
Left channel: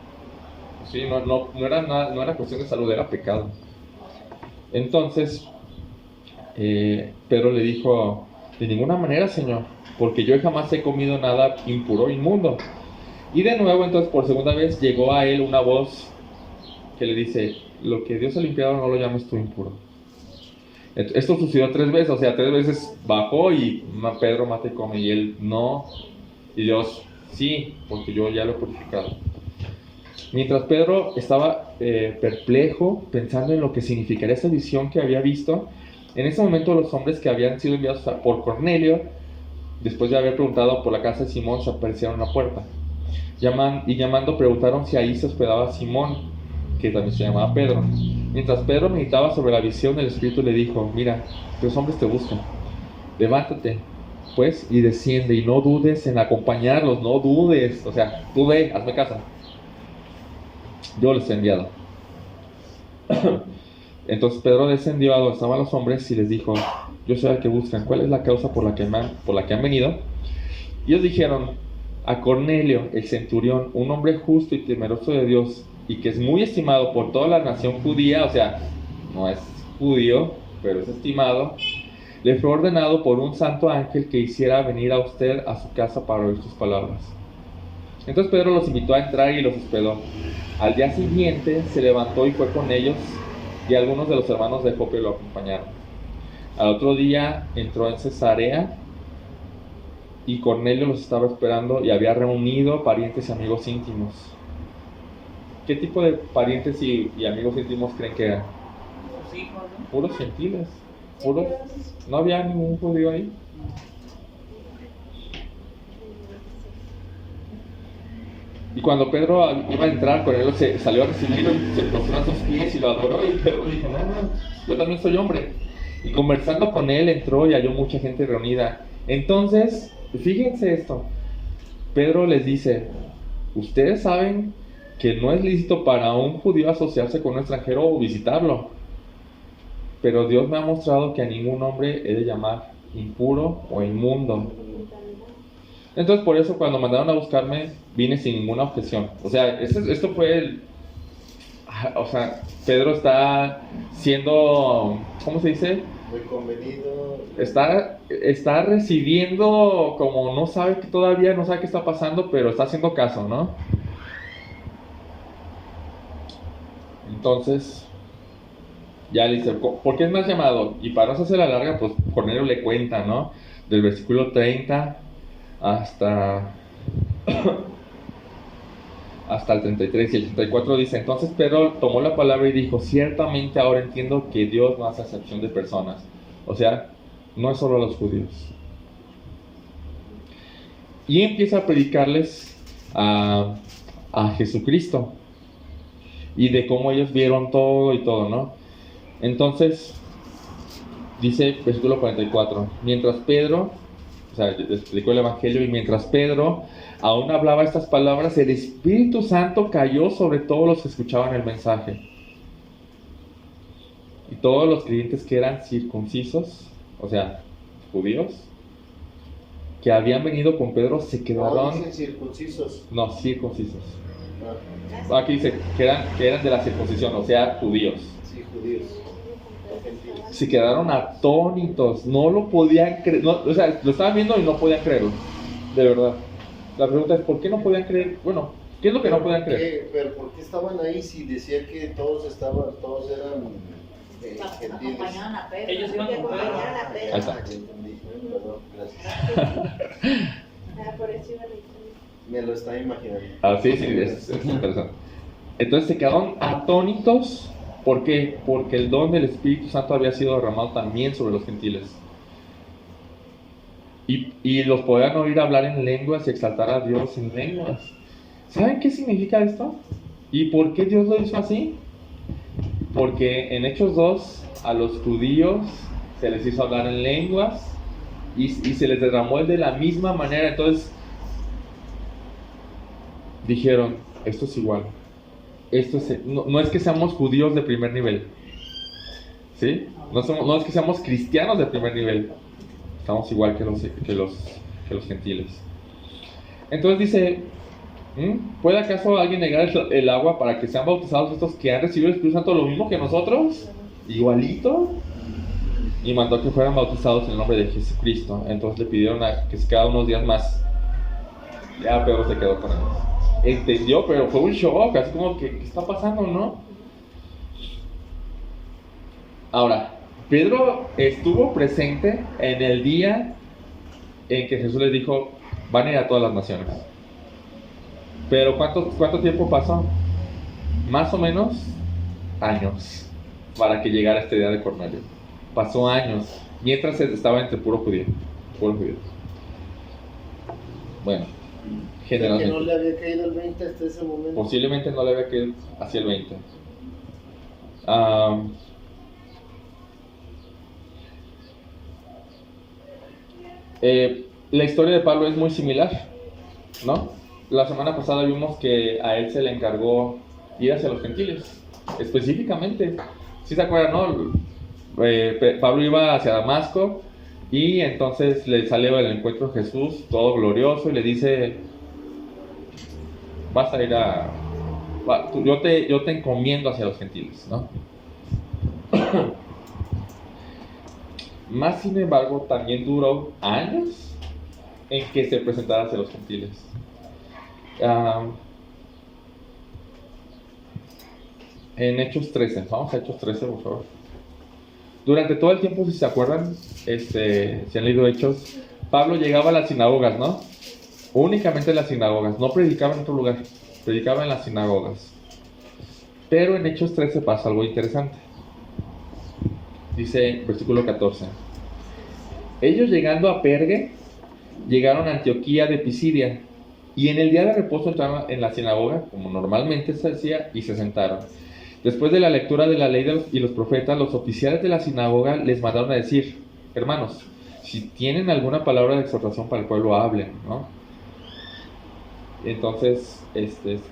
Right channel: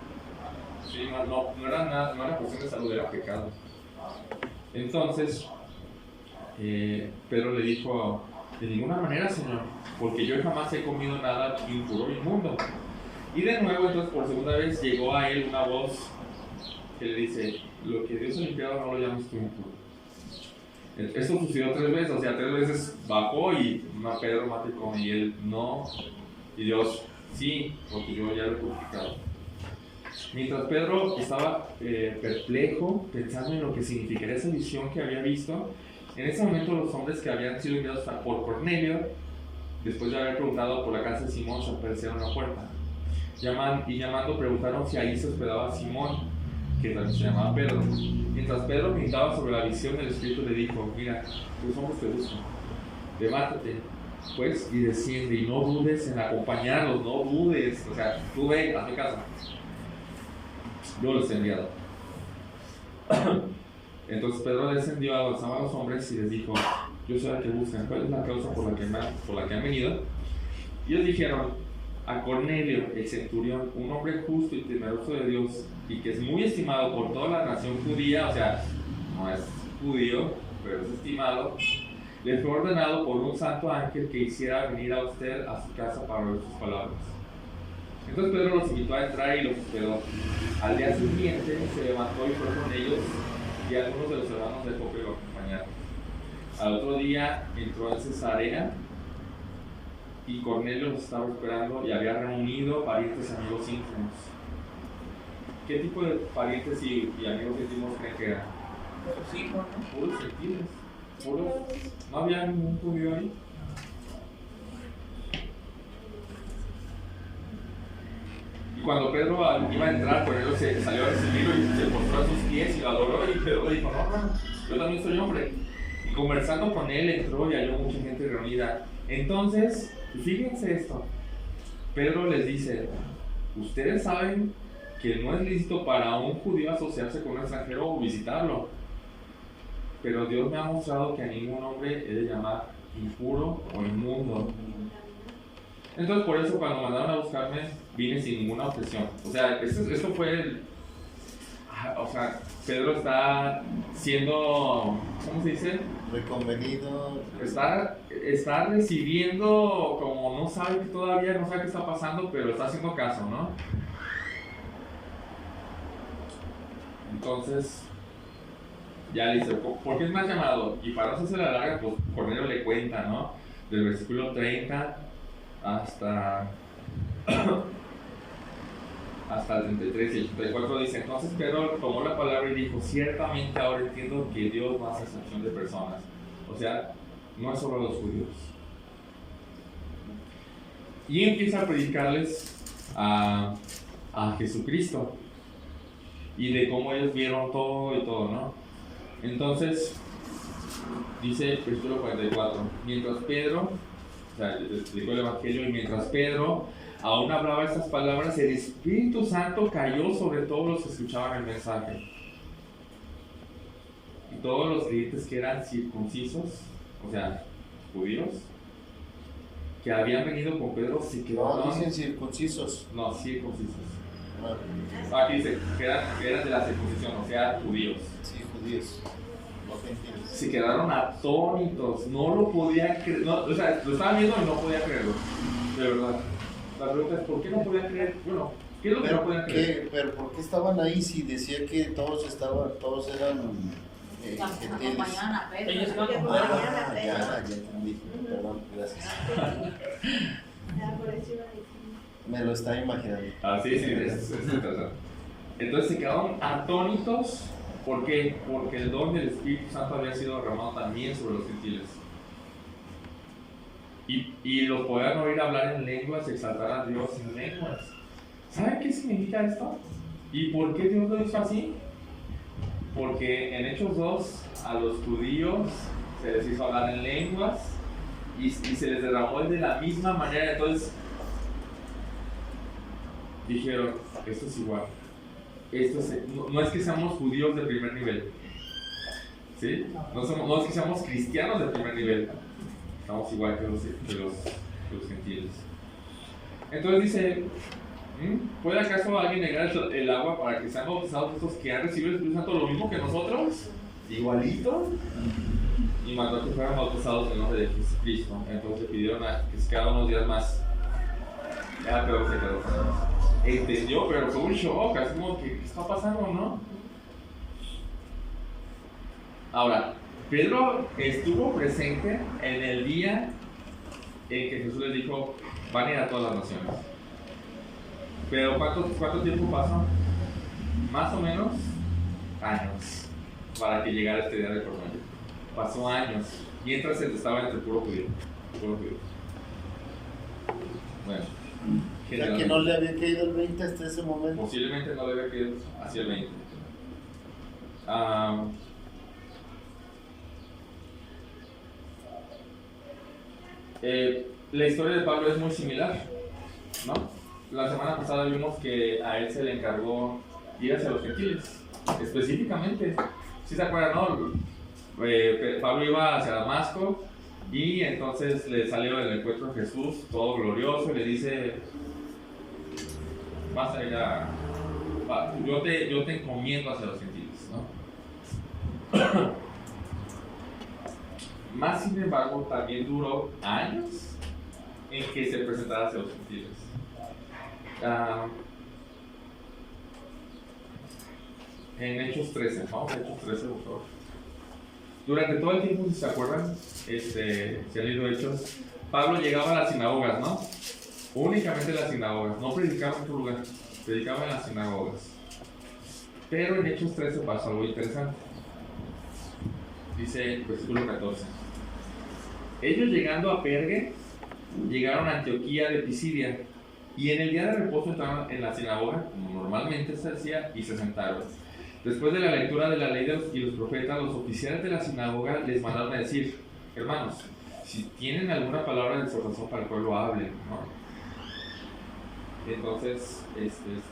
Sí, no era cuestión de salud, era pecado. Entonces Pedro le dijo: de ninguna manera, Señor, porque yo jamás he comido nada impuro o inmundo. Y de nuevo, entonces, por segunda vez llegó a él una voz que le dice: lo que Dios ha limpiado no lo llames tú impuro. Esto sucedió 3 veces, o sea, 3 veces bajó y Pedro mata y come, y él no, y Dios sí, porque yo ya lo he purificado. Mientras Pedro estaba perplejo, pensando en lo que significaría esa visión que había visto, en ese momento los hombres que habían sido enviados por Cornelio, después de haber preguntado por la casa de Simón, se aparecieron a la puerta. Llamando, preguntaron si ahí se hospedaba Simón, que también se llamaba Pedro. Mientras Pedro meditaba sobre la visión, el Espíritu le dijo: mira, 3 hombres te buscan. levántate, pues, y desciende, y no dudes en acompañarlos, no dudes, o sea, tú ve, hazme caso. Yo los he enviado. Entonces Pedro descendió a donde estaban los hombres y les dijo: yo sé al que buscan, ¿cuál es la causa por la que han venido? Y ellos dijeron: a Cornelio, el centurión, un hombre justo y temeroso de Dios, y que es muy estimado por toda la nación judía, o sea, no es judío, pero es estimado, le fue ordenado por un santo ángel que hiciera venir a usted a su casa para oír sus palabras. Entonces Pedro los invitó a entrar y los hospedó. Al día siguiente se levantó y fue con ellos, y algunos de los hermanos de Jope lo acompañaron. Al otro día entró en Cesarea, y Cornelio los estaba esperando, y había reunido parientes y amigos íntimos. ¿Qué tipo de parientes y amigos íntimos creen que eran? Sus hijos, ¿no? Puros gentiles, puros. ¿No había ningún judío ahí? Y cuando Pedro iba a entrar, Cornelio se salió a recibirlo y se postró a sus pies y lo adoró, y Pedro le dijo: no, yo también soy hombre. Y conversando con él entró y halló mucha gente reunida. Entonces, fíjense esto, Pedro les dice: ustedes saben que no es lícito para un judío asociarse con un extranjero o visitarlo, pero Dios me ha mostrado que a ningún hombre he de llamar impuro o inmundo. Entonces por eso cuando mandaron a buscarme vine sin ninguna objeción. O sea, esto fue o sea, Pedro está siendo, ¿cómo se dice? Reconvenido. Está recibiendo, como no sabe que todavía no sabe qué está pasando, pero está haciendo caso, ¿no? Entonces ya le dice: ¿por qué es más llamado? Y para no hacer la larga, pues Cornelio le cuenta, ¿no? Del versículo 30 hasta el 33 y el 34 dice: entonces Pedro tomó la palabra y dijo: ciertamente ahora entiendo que Dios no hace acepción de personas. O sea, no es solo a los judíos. Y empieza a predicarles a Jesucristo y de cómo ellos vieron todo y todo, ¿no? Entonces dice versículo 44: mientras Pedro, o sea, les explicó el evangelio, y mientras Pedro aún hablaba estas palabras, el Espíritu Santo cayó sobre todos los que escuchaban el mensaje. Y todos los creyentes que eran circuncisos, o sea, judíos, que habían venido con Pedro, se quedaron. No dicen circuncisos. No, circuncisos. No. Aquí dice que eran de la circuncisión, o sea, judíos. Sí, judíos. No gentiles. Se quedaron atónitos, no lo podían creer, o sea, lo estaban viendo y no podían creerlo, de verdad. La pregunta es: ¿por qué no podían creer? Bueno, ¿qué es lo que no podían creer? Pero ¿por qué estaban ahí si decía que todos eran gentiles? Acompañaban a Pedro. Ellos iban Que con Pedro. acompañaran a Pedro. Ya entendí. Perdón, gracias. Por eso iba a decir. Me lo estaba imaginando. Ah, sí, es interesante. Entonces se quedaron atónitos. ¿Por qué? Porque el don del Espíritu Santo había sido derramado también sobre los gentiles. Y los podían oír hablar en lenguas y exaltar a Dios en lenguas. ¿Saben qué significa esto? ¿Y por qué Dios lo hizo así? Porque en Hechos 2 a los judíos se les hizo hablar en lenguas y se les derramó de la misma manera. Entonces dijeron: esto es igual. No es que seamos judíos de primer nivel, ¿sí? No es que seamos cristianos de primer nivel. Estamos igual que los gentiles. Entonces dice: ¿puede acaso alguien negar el agua para que sean bautizados estos que han recibido el Espíritu Santo lo mismo que nosotros? Igualito. Y mandó que fueran bautizados en el nombre de Jesucristo. Entonces le pidieron que se quedara unos días más. Ya Pedro se quedó con ellos. Entendió, pero fue un shock, así como que ¿qué está pasando, no? Ahora, Pedro estuvo presente en el día en que Jesús les dijo: van a ir a todas las naciones. Pero ¿cuánto tiempo pasó? Más o menos años para que llegara este día de Cornelio. Pasó años, mientras estaba entre puro judío. Bueno, Que no le había caído el 20 hasta ese momento. posiblemente no le había caído hacia el 20. La historia de Pablo es muy similar, ¿no? La semana pasada vimos que a él se le encargó ir hacia los gentiles, específicamente. ¿Sí se acuerdan, no? Pablo iba hacia Damasco y entonces le salió el encuentro de Jesús, todo glorioso, y le dice: vas a ir yo te encomiendo hacia los gentiles, ¿no? Más sin embargo, también duró años en que se presentara hacia los gentiles. En Hechos 13, vamos a Hechos 13, por favor. Durante todo el tiempo, si se acuerdan, si han leído Hechos, Pablo llegaba a las sinagogas, ¿no? Únicamente en las sinagogas, no predicaba en otro lugar, predicaba en las sinagogas. Pero en Hechos 13 pasa algo interesante. Dice, versículo 14: ellos llegando a Perge, llegaron a Antioquía de Pisidia, y en el día de reposo entraron en la sinagoga, como normalmente se hacía, y se sentaron. Después de la lectura de la ley y los profetas, los oficiales de la sinagoga les mandaron a decir: hermanos, si tienen alguna palabra de exhortación para el pueblo, hablen, ¿no? Entonces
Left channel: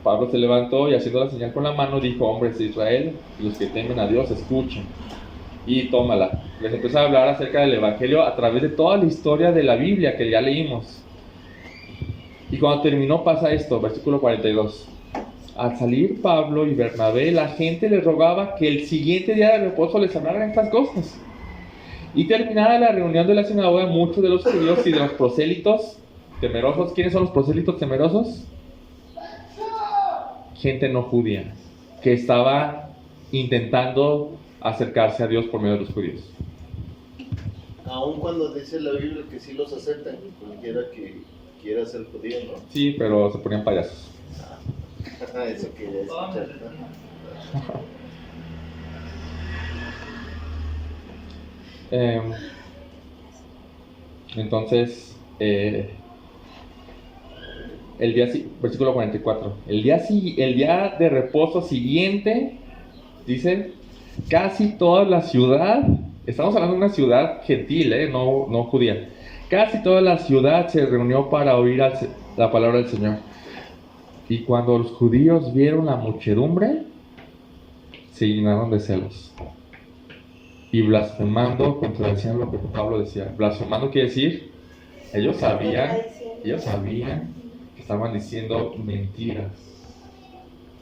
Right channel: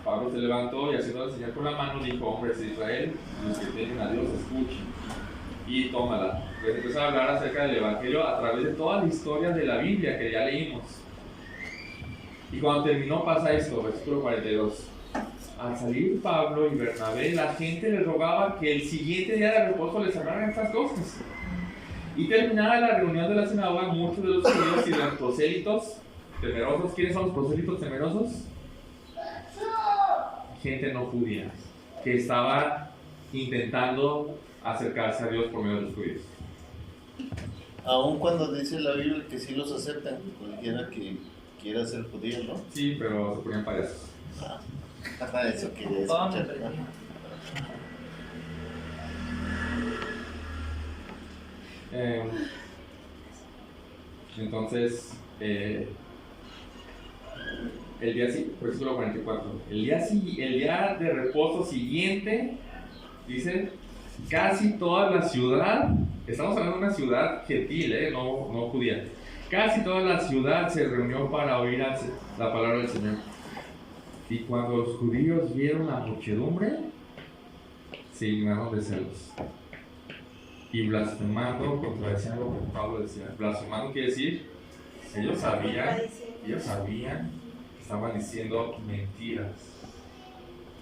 Pablo se levantó y, haciendo la señal con la mano, dijo: hombres de Israel, los que temen a Dios, escuchen. Y tómala. Les empezó a hablar acerca del evangelio a través de toda la historia de la Biblia que ya leímos. Y cuando terminó pasa esto, versículo 42. Al salir Pablo y Bernabé, la gente les rogaba que el siguiente día de reposo les hablaran estas cosas. Y terminada la reunión de la sinagoga, muchos de los judíos y de los prosélitos temerosos. ¿Quiénes son los prosélitos temerosos? Gente no judía, que estaba intentando acercarse a Dios por medio de los judíos. Aun cuando dice la Biblia que sí los aceptan, cualquiera que quiera ser judío, ¿no? Sí, pero se ponían payasos. Eso quería escuchar. Entonces, versículo 44, el día de reposo siguiente, dice, casi toda la ciudad, estamos hablando de una ciudad gentil, no judía, casi toda la ciudad se reunió para oír la palabra del Señor. Y cuando los judíos vieron la muchedumbre, se llenaron de celos. Y blasfemando contradecían lo que Pablo decía. Blasfemando quiere decir, ellos sabían que estaban diciendo mentiras.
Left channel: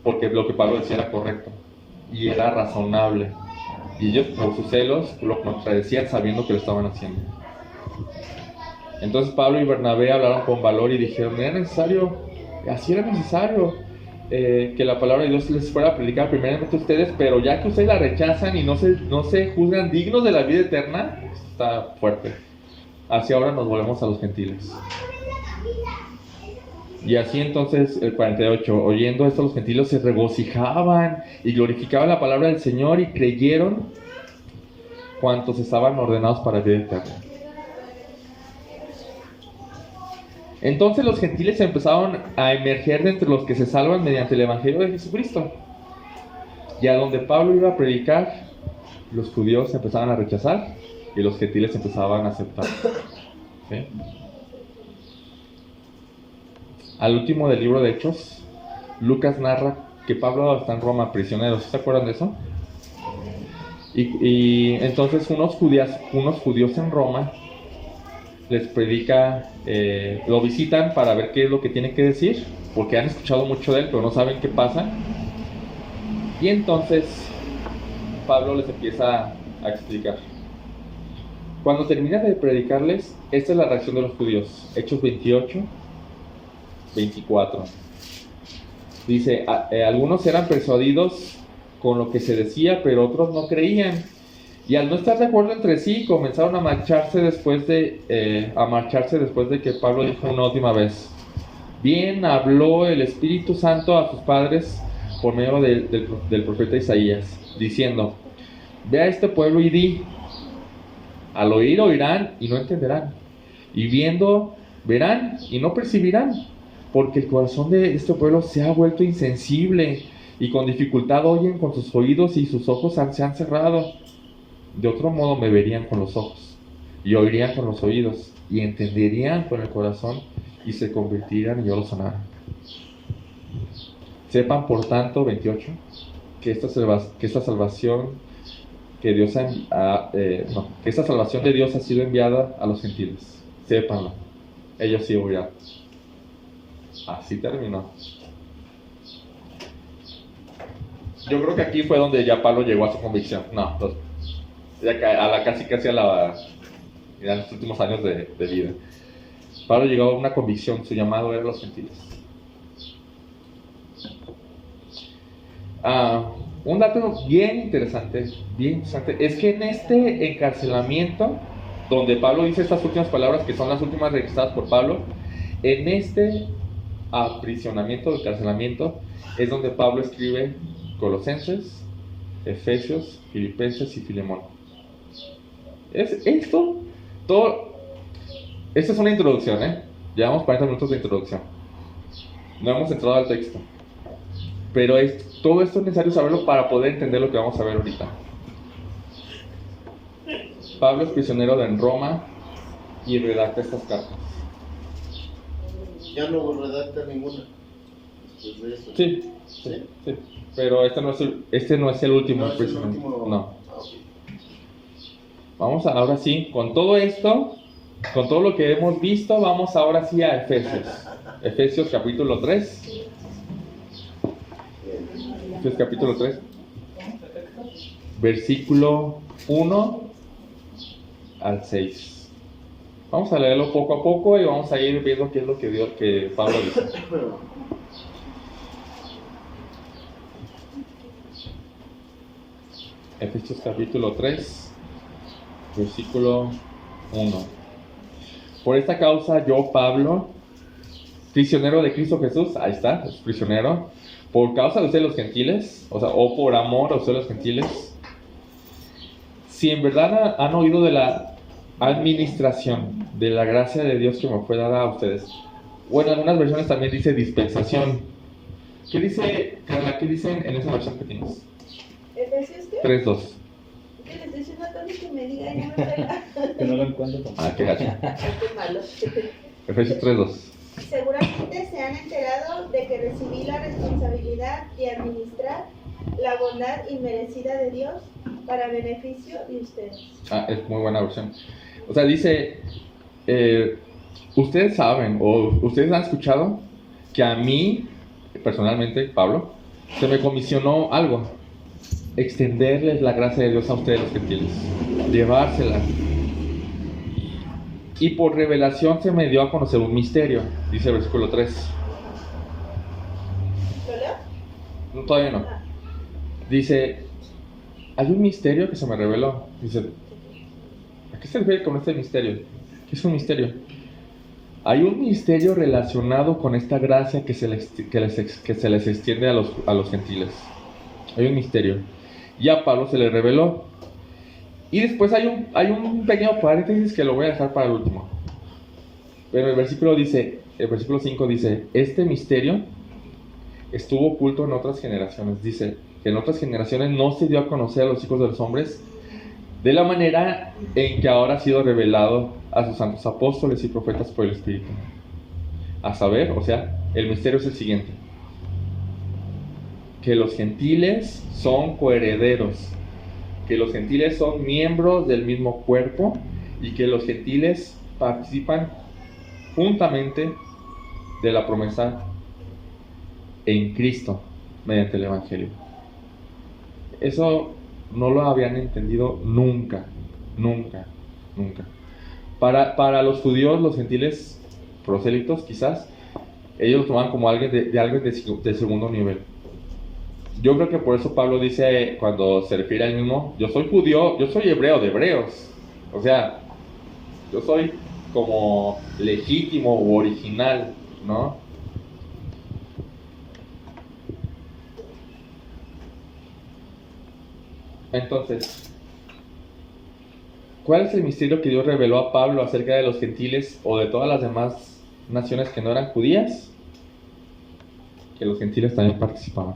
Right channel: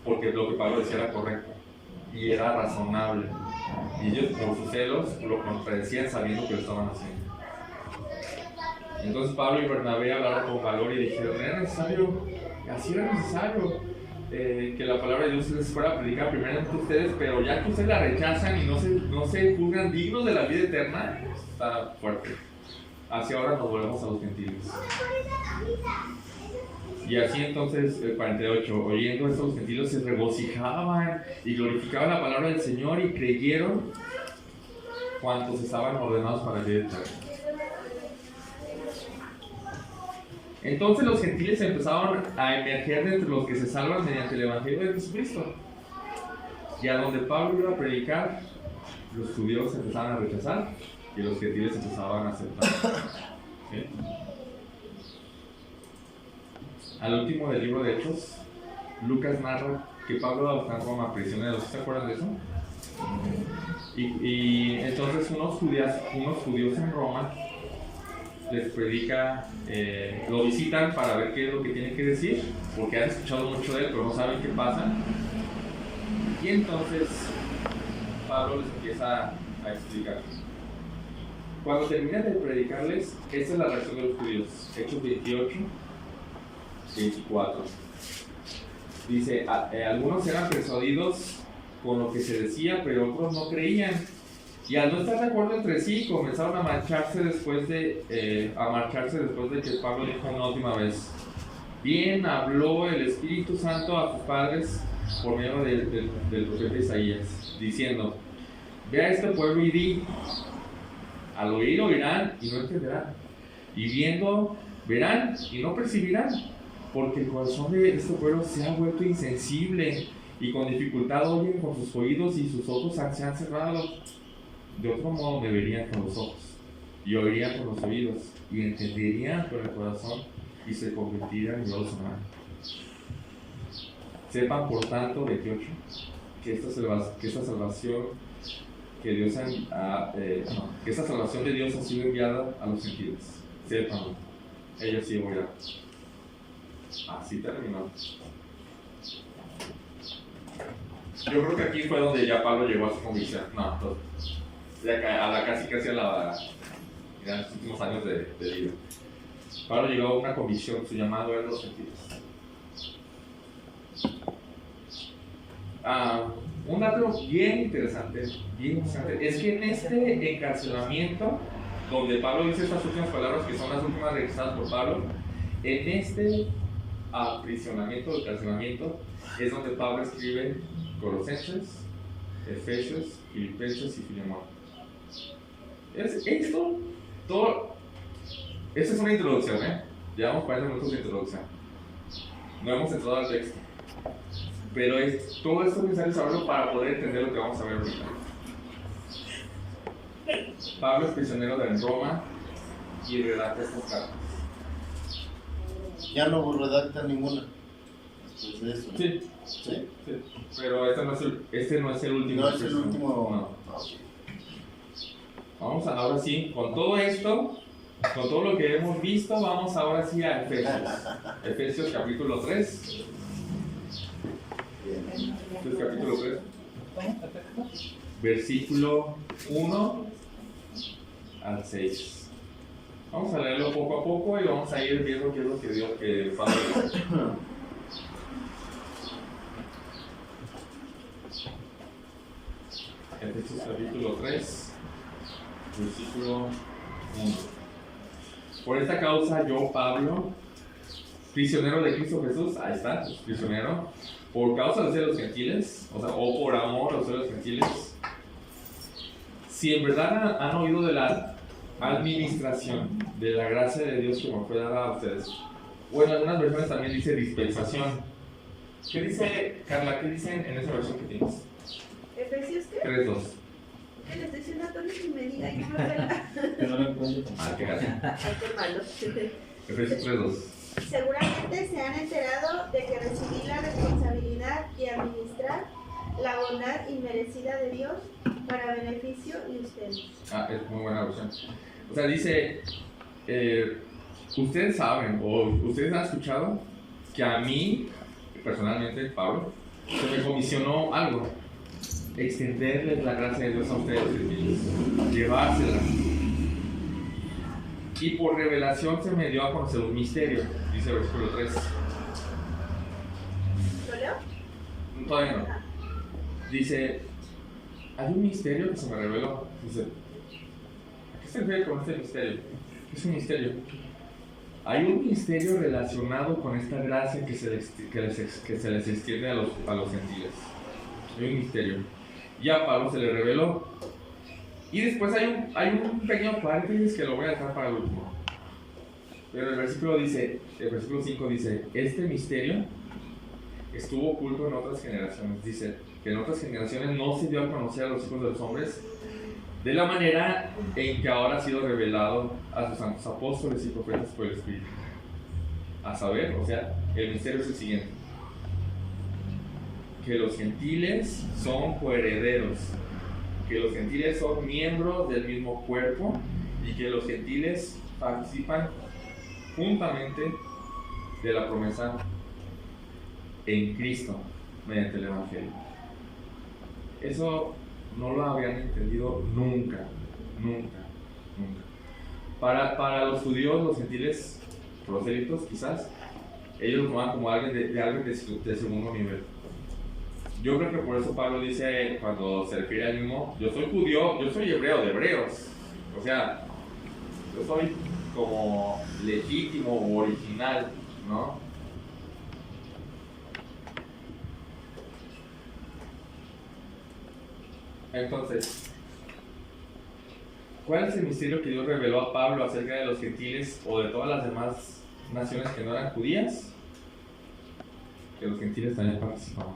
Porque lo que Pablo decía era correcto. Y era razonable. Y ellos, por sus celos, lo contradecían sabiendo que lo estaban haciendo. Entonces Pablo y Bernabé hablaron con valor y dijeron: así era necesario que la palabra de Dios les fuera a predicar primeramente a ustedes, pero ya que ustedes la rechazan y no se juzgan dignos de la vida eterna, está fuerte. Así ahora nos volvemos a los gentiles. Y así entonces, el 48, oyendo esto los gentiles se regocijaban y glorificaban la palabra del Señor, y creyeron cuantos estaban ordenados para la vida eterna. Entonces los gentiles empezaron a emerger de entre los que se salvan mediante el evangelio de Jesucristo. Y a donde Pablo iba a predicar, los judíos empezaban a rechazar y los gentiles empezaban a aceptar. ¿Sí? Al último del libro de Hechos, Lucas narra que Pablo está en Roma prisionero. ¿Se acuerdan de eso? Y entonces unos judíos en Roma les predica, lo visitan para ver qué es lo que tiene que decir, porque han escuchado mucho de él, pero no saben qué pasa. Y entonces Pablo les empieza a explicar. Cuando termina de predicarles, esta es la reacción de los judíos. Hechos 28, 24. Dice, algunos eran persuadidos con lo que se decía, pero otros no creían. Y al no estar de acuerdo entre sí, comenzaron a marcharse después de que Pablo dijo una última vez: bien habló el Espíritu Santo a sus padres por medio del profeta Isaías, diciendo: ve a este pueblo y di, al oír oirán y no entenderán, y viendo verán y no percibirán, porque el corazón de este pueblo se ha vuelto insensible, y con dificultad oyen con sus oídos y sus ojos se han cerrado. De otro modo me verían con los ojos y oirían con los oídos, y entenderían con el corazón y se convertirían y yo los sanara. Sepan por tanto, 28, que esta salvación que esta salvación de Dios ha sido enviada a los gentiles. Sépanlo, ellos sí oirán. Así terminó. Yo creo que aquí fue donde ya Pablo llegó a su convicción. Casi a los últimos años de vida. Pablo llegó a una convicción, su llamado era a los gentiles. Un dato bien interesante, es que en este encarcelamiento, donde Pablo dice estas últimas palabras, que son las últimas registradas por Pablo, en este aprisionamiento, encarcelamiento, es donde Pablo escribe Colosenses, Efesios, Filipenses y Filemón. Esto es una introducción, Llevamos 40 minutos de introducción. No hemos entrado al texto. Pero todo esto es necesario saberlo para poder entender lo que vamos a ver ahorita. Pablo es prisionero en Roma y redacta estas cartas. Ya no redacta ninguna. Después de eso. Sí. Pero este no es el último. No es el último. No. Vamos ahora sí, con todo esto, con todo lo que hemos visto, vamos ahora sí a Efesios. Efesios capítulo 3. Efesios capítulo 3. Versículo 1 al 6. Vamos a leerlo poco a poco y vamos a ir viendo qué es lo que Pablo dice. Efesios capítulo 3, versículo 1. Por esta causa yo, Pablo, prisionero de Cristo Jesús, ahí está, es prisionero, por causa de ustedes los gentiles, o por amor a ustedes los gentiles, si en verdad han oído de la administración, de la gracia de Dios que me fue dada a ustedes. Bueno, en algunas versiones también dice dispensación. ¿Qué dice, Carla? ¿Qué dicen en esa versión que tienes? ¿Efesios qué? 3:2. Que le estoy diciendo a Tony que me diga, ya no lo Que no lo encuentro. Qué gacho. Qué malo. Efesios 3:2. Seguramente se han enterado de que recibí la responsabilidad de administrar la bondad inmerecida de Dios para beneficio de ustedes. Es muy buena versión. O sea, dice, ustedes saben o ustedes han escuchado que a mí, personalmente, Pablo, se me comisionó algo. Extenderles la gracia de Dios a ustedes los gentiles. Llevársela. Y por revelación se me dio a conocer un misterio, dice el versículo 3. ¿Lo leo? No, todavía no. Dice, hay un misterio que se me reveló. Dice, ¿a qué se refiere con este misterio? ¿Qué es un misterio? Hay un misterio relacionado con esta gracia que se les extiende a los gentiles. Hay un misterio. Y a Pablo se le reveló. Y después hay un pequeño paréntesis que lo voy a dejar para el último. Pero el versículo 5 dice, este misterio estuvo oculto en otras generaciones. Dice que en otras generaciones no se dio a conocer a los hijos de los hombres de la manera en que ahora ha sido revelado a sus santos apóstoles y profetas por el Espíritu. A saber, o sea, el misterio es el siguiente: que los gentiles son coherederos, que los gentiles son miembros del mismo cuerpo y que los gentiles participan juntamente de la promesa en Cristo mediante el Evangelio. Eso no lo habían entendido nunca. Para los judíos, los gentiles prosélitos, quizás, ellos lo tomaban como alguien de segundo nivel. Yo creo que por eso Pablo dice, cuando se refiere a él mismo, yo soy judío, yo soy hebreo de hebreos. O sea, yo soy como legítimo o original, ¿no? Entonces, ¿cuál es el misterio que Dios reveló a Pablo acerca de los gentiles o de todas las demás naciones que no eran judías? Que los gentiles también participaban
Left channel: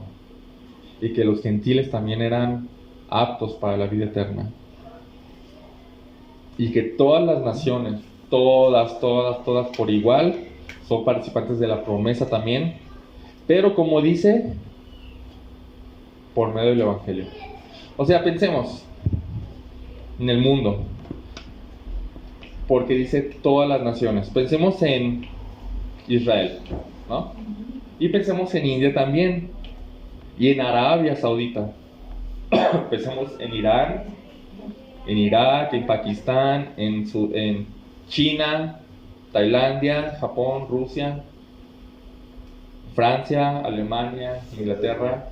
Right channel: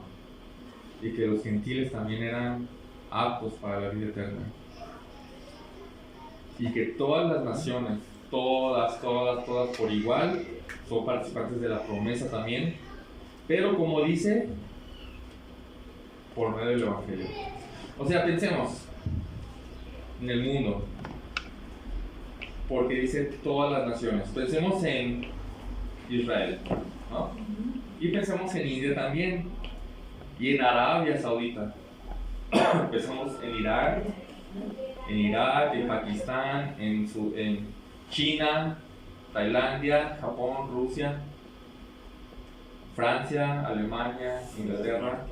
y que los gentiles también eran aptos para la vida eterna y que todas las naciones, todas por igual son participantes de la promesa también, pero como dice, por medio del Evangelio. O sea, pensemos en el mundo, porque dice todas las naciones. Pensemos en Israel, ¿no? Y pensemos en India también, y en Arabia Saudita. Pensemos en Irán, en Irak, en Pakistán, en China, Tailandia, Japón, Rusia, Francia, Alemania, Inglaterra,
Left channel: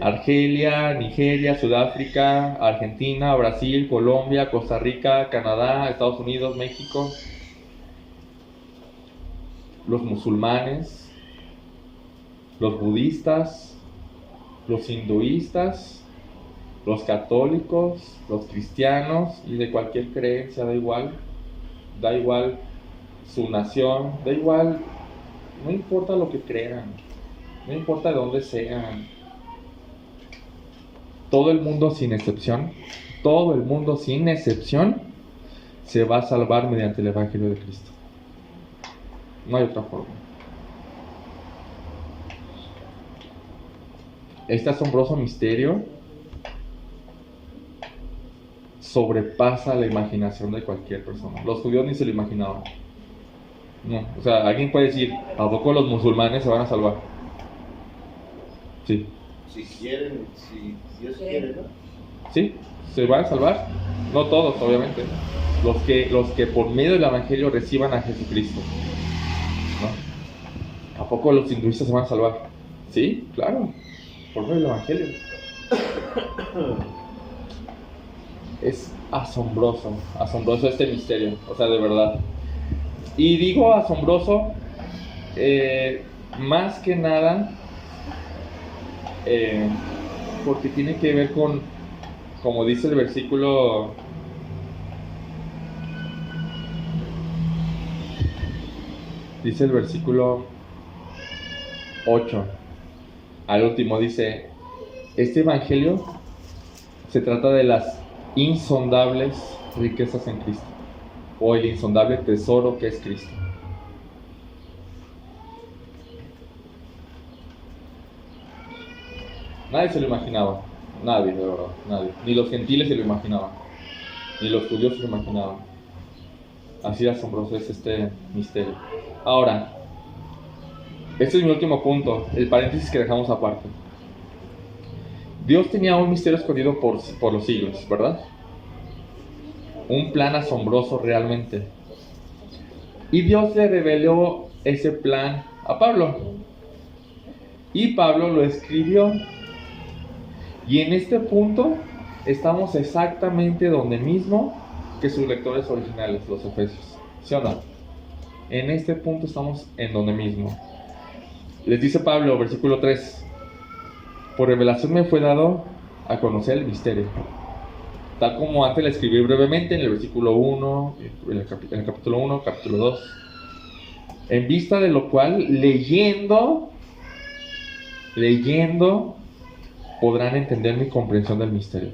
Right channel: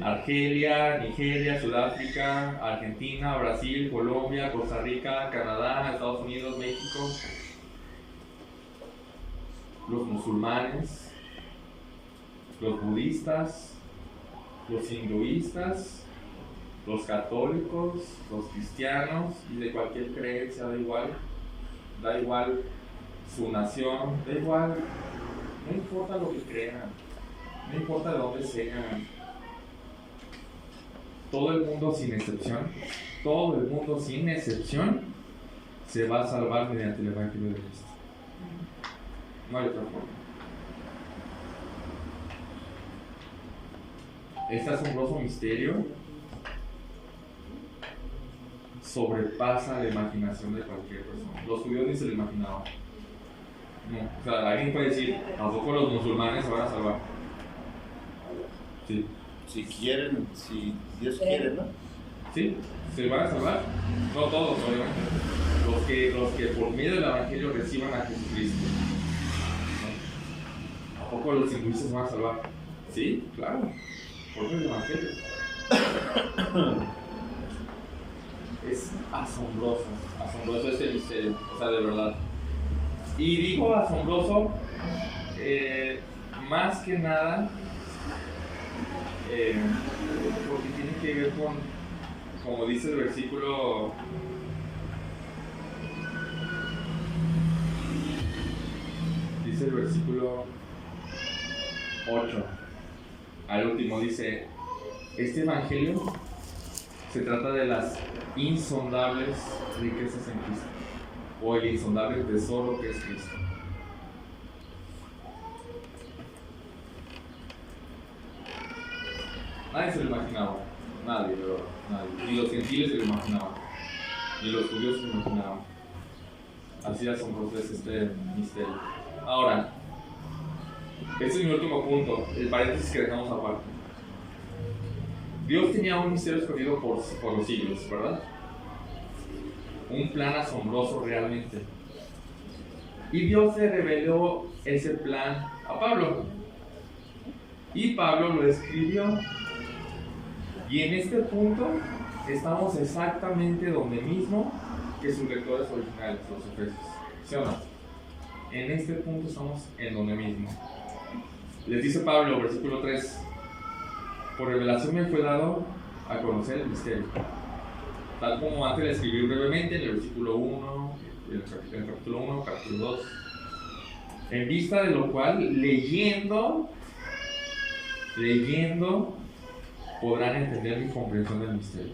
Argelia, Nigeria, Sudáfrica, Argentina, Brasil, Colombia, Costa Rica, Canadá, Estados Unidos, México, los musulmanes, los budistas, los hinduistas, los católicos, los cristianos y de cualquier creencia, da igual su nación, da igual, no importa lo que crean, no importa de dónde sean. Todo el mundo sin excepción se va a salvar mediante el Evangelio de Cristo. No hay otra forma. Este asombroso misterio sobrepasa la imaginación de cualquier persona. Los judíos ni se lo imaginaban. No, o sea, alguien puede decir, ¿a poco los musulmanes se van a salvar? Sí. Si quieren, si Dios quiere, ¿no? Sí, se van a salvar. No todos, obviamente. Los que por medio del Evangelio reciban a Jesucristo, ¿no? ¿A poco los hinduistas se van a salvar? Sí, claro, por medio del Evangelio. Es asombroso este misterio, o sea, de verdad. Y digo asombroso, más que nada, porque tiene que ver con, como dice el versículo, dice el versículo 8, al último dice, este evangelio se trata de las insondables riquezas en Cristo, o el insondable tesoro que es Cristo. Nadie se lo imaginaba, nadie, de verdad, nadie. Ni los gentiles se lo imaginaban, ni los judíos se lo imaginaban. Así de asombroso es este misterio. Ahora, este es mi último punto, el paréntesis que dejamos aparte. Dios tenía un misterio escondido por los siglos, ¿verdad? Un plan asombroso realmente. Y Dios le reveló ese plan a Pablo. Y Pablo lo escribió. Y en este punto estamos exactamente donde mismo que sus lectores originales, los efesios. ¿Sí o no? En este punto estamos en donde mismo. Les dice Pablo, versículo 3. Por revelación me fue dado a conocer el misterio, tal como antes le escribí brevemente en el versículo 1, en el capítulo 1, capítulo 2. En vista de lo cual, leyendo, podrán entender mi comprensión del misterio.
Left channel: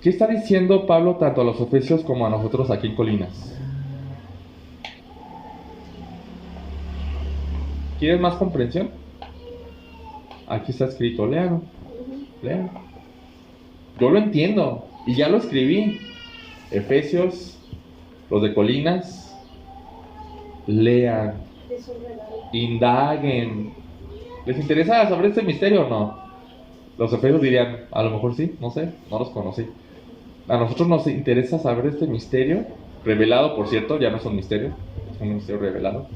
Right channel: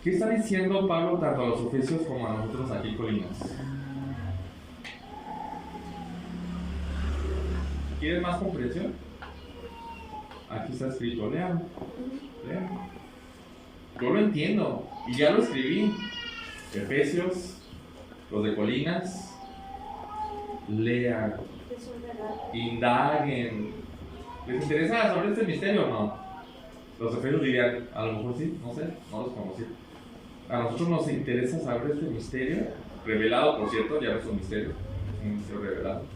¿Qué está diciendo Pablo tanto a los efesios como a nosotros aquí en Colinas? ¿Quieres más comprensión? Aquí está escrito, léalo. Yo lo entiendo y ya lo escribí. Efesios, los de Colinas, lean, indaguen. ¿Les interesa saber este misterio o no? Los efesios dirían, a lo mejor sí, no sé, no los conocí. A nosotros nos interesa saber este misterio, revelado, por cierto, ya no es un misterio, es un misterio revelado.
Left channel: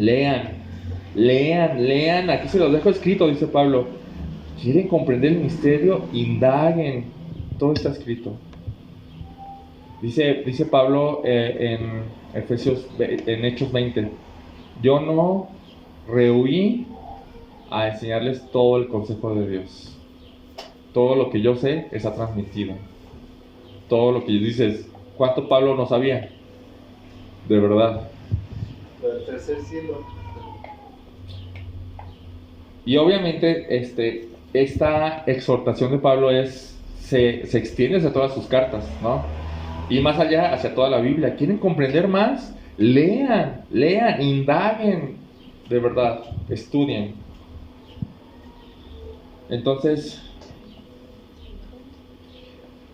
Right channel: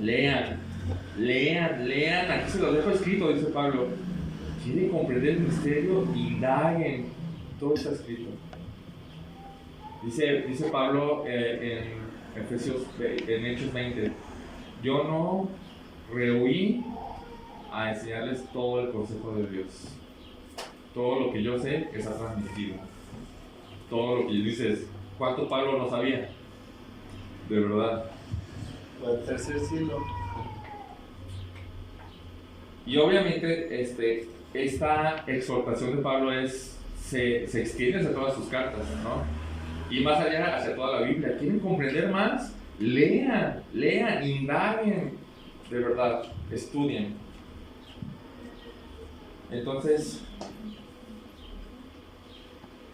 Lean, aquí se los dejo escrito, dice Pablo. ¿Quieren comprender el misterio? Indaguen, todo está escrito. Dice Pablo en Hechos 20, yo no rehuí a enseñarles todo el consejo de Dios. Todo lo que yo sé está transmitido. Todo lo que dices, ¿cuánto Pablo no sabía? De verdad. Para el tercer cielo. Y obviamente esta exhortación de Pablo es se extiende hacia todas sus cartas, ¿no? Y más allá, hacia toda la Biblia. ¿Quieren comprender más? Lean, indaguen, de verdad, estudien. Entonces,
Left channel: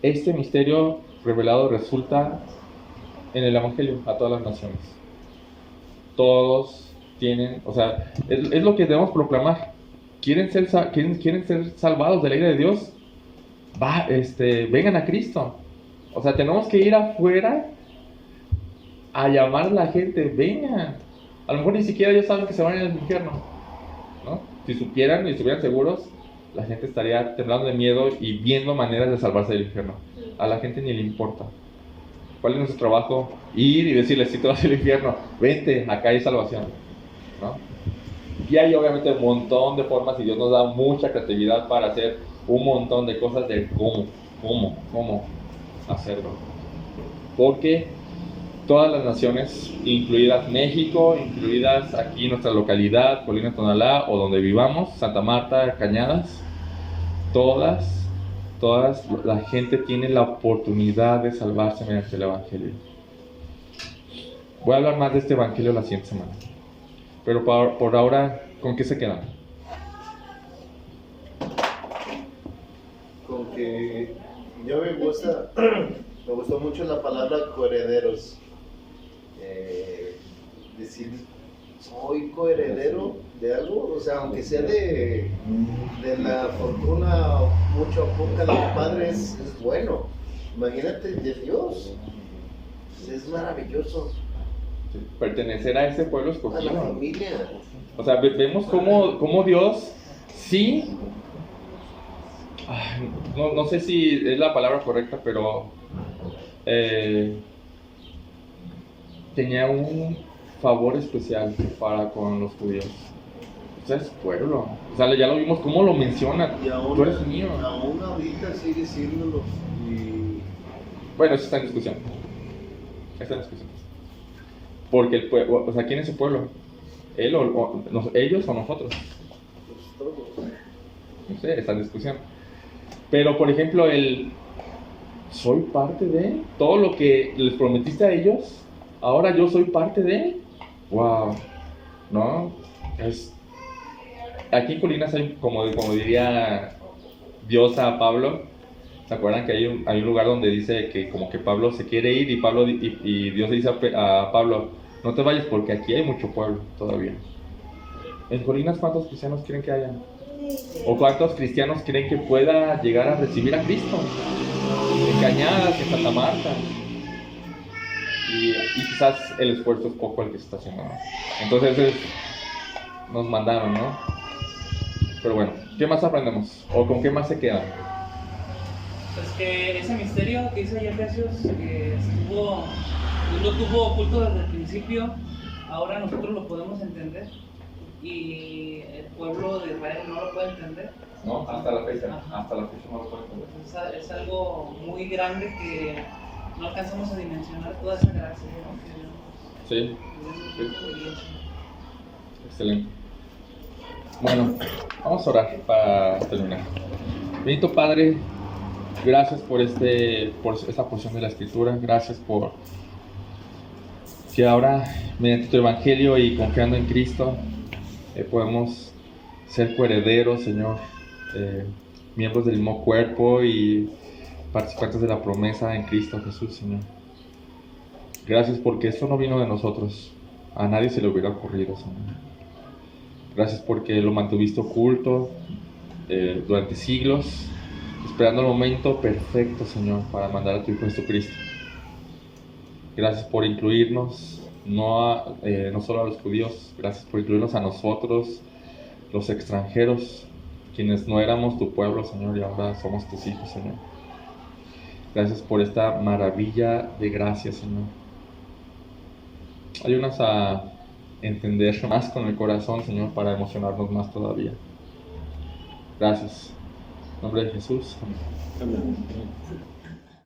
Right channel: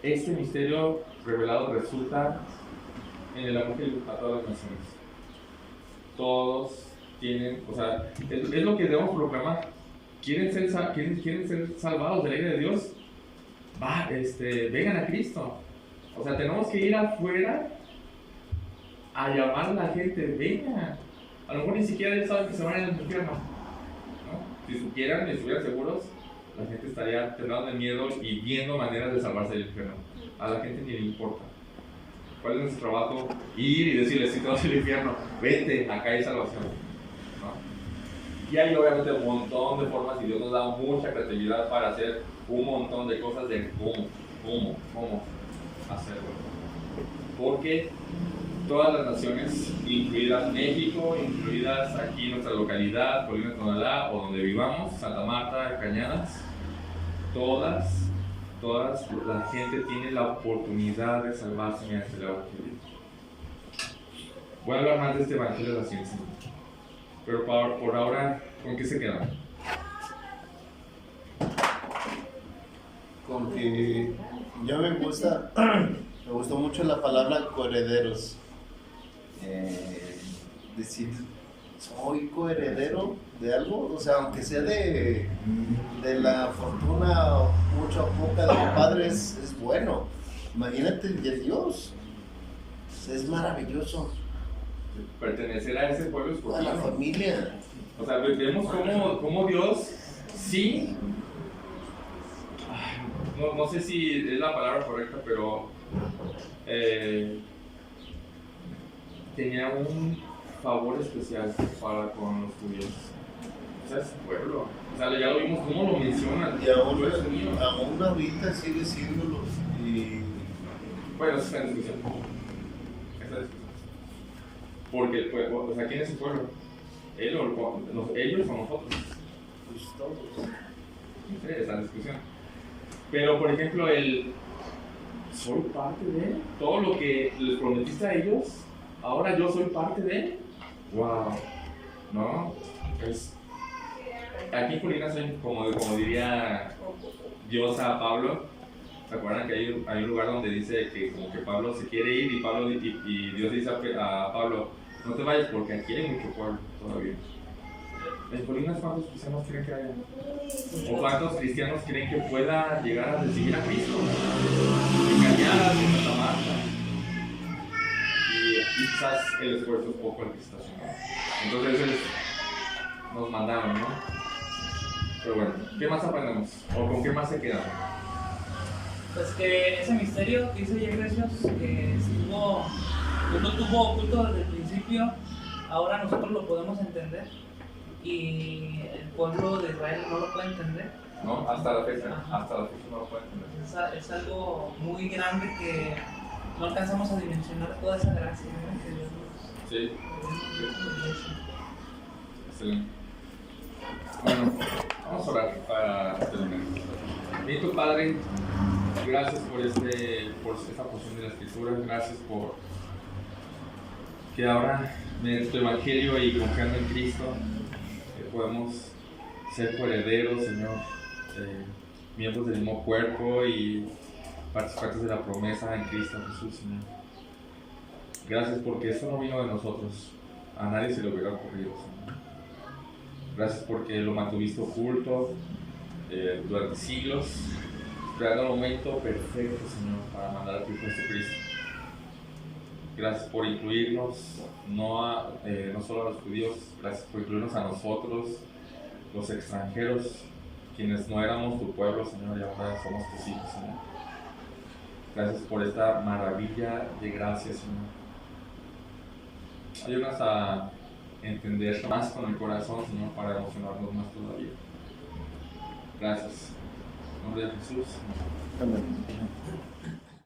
este misterio revelado resulta en el Evangelio a todas las naciones. Todos tienen, o sea, es lo que debemos proclamar. ¿Quieren ser salvados de la ira de Dios? Vengan a Cristo. O sea, tenemos que ir afuera a llamar a la gente, vengan. A lo mejor ni siquiera ellos saben que se van al infierno, ¿no? Si supieran y estuvieran seguros, la gente estaría temblando de miedo y viendo maneras de salvarse del infierno. A la gente ni le importa. ¿Cuál es nuestro trabajo? Ir y decirles, si te vas al infierno, vete, acá hay salvación, ¿no? Y hay obviamente un montón de formas y Dios nos da mucha creatividad para hacer un montón de cosas de cómo hacerlo. Porque todas las naciones, incluidas México, incluidas aquí nuestra localidad, Colina de Tonalá, o donde vivamos, Santa Marta, Cañadas, todas, la gente tiene la oportunidad de salvarse mediante el Evangelio. Voy a hablar más de este Evangelio la siguiente semana. Pero por ahora, ¿con qué se quedan? Con que yo me gustó mucho la palabra coherederos. Decir, soy coheredero de algo, o sea, aunque sea de la fortuna mucho o poca de mi padre, es bueno. Imagínate de Dios, es maravilloso. Pertenecer a ese pueblo A escogido. la familia. O sea, vemos cómo Dios sí, no sé si es la palabra correcta, pero tenía un favor especial para con los judíos. O sea, es pueblo. O sea, ya lo vimos cómo lo mencionan. Y aún, Tú eres mío. aún ahorita sigue siéndolo. Y Bueno, eso está en discusión. Porque el pueblo, o sea, ¿quién es el pueblo? ¿Él ellos o nosotros? pues todos. No sé, está en discusión. Pero, por ejemplo, soy parte de todo lo que les prometiste a ellos. Ahora yo soy parte de. ¡Wow! ¿No? Aquí en Colinas hay, como diría Dios a Pablo. ¿Se acuerdan que hay un lugar donde dice que como que Pablo se quiere ir y Dios dice a Pablo, no te vayas porque aquí hay mucho pueblo todavía? En Colinas, ¿cuántos cristianos creen que haya? ¿O cuántos cristianos creen que pueda llegar a recibir a Cristo? En Cañadas, en Santa Marta. Y quizás el esfuerzo es poco el que se está haciendo, ¿no? Entonces nos mandaron, ¿no? Pero bueno, ¿qué más aprendemos? ¿O con qué más se quedan? Pues que ese misterio que dice Efesios, que lo tuvo oculto desde el principio, ahora nosotros lo podemos entender y el pueblo de Israel no lo puede entender. ¿No? Hasta la fecha no lo pueden entender. Es algo muy grande que no alcanzamos a dimensionar toda esa gracia, ¿no? Sí. Excelente. Bueno, vamos a orar para terminar. Bendito Padre, gracias por esta porción de la Escritura. Gracias por que ahora, mediante tu Evangelio y confiando en Cristo, podemos ser coherederos, Señor, miembros del mismo cuerpo y participantes de la promesa en Cristo Jesús, Señor. Gracias porque esto no vino de nosotros, a nadie se le hubiera ocurrido, Señor. Gracias porque lo mantuviste oculto durante siglos, esperando el momento perfecto, Señor, para mandar a tu Hijo Jesucristo. Gracias por incluirnos, no solo a los judíos, gracias por incluirnos a nosotros, los extranjeros, quienes no éramos tu pueblo, Señor, y ahora somos tus hijos, Señor. Gracias por esta maravilla de gracia, Señor. Ayúdanos a entender más con el corazón, Señor, para emocionarnos más todavía. Gracias. En nombre de Jesús. Amén.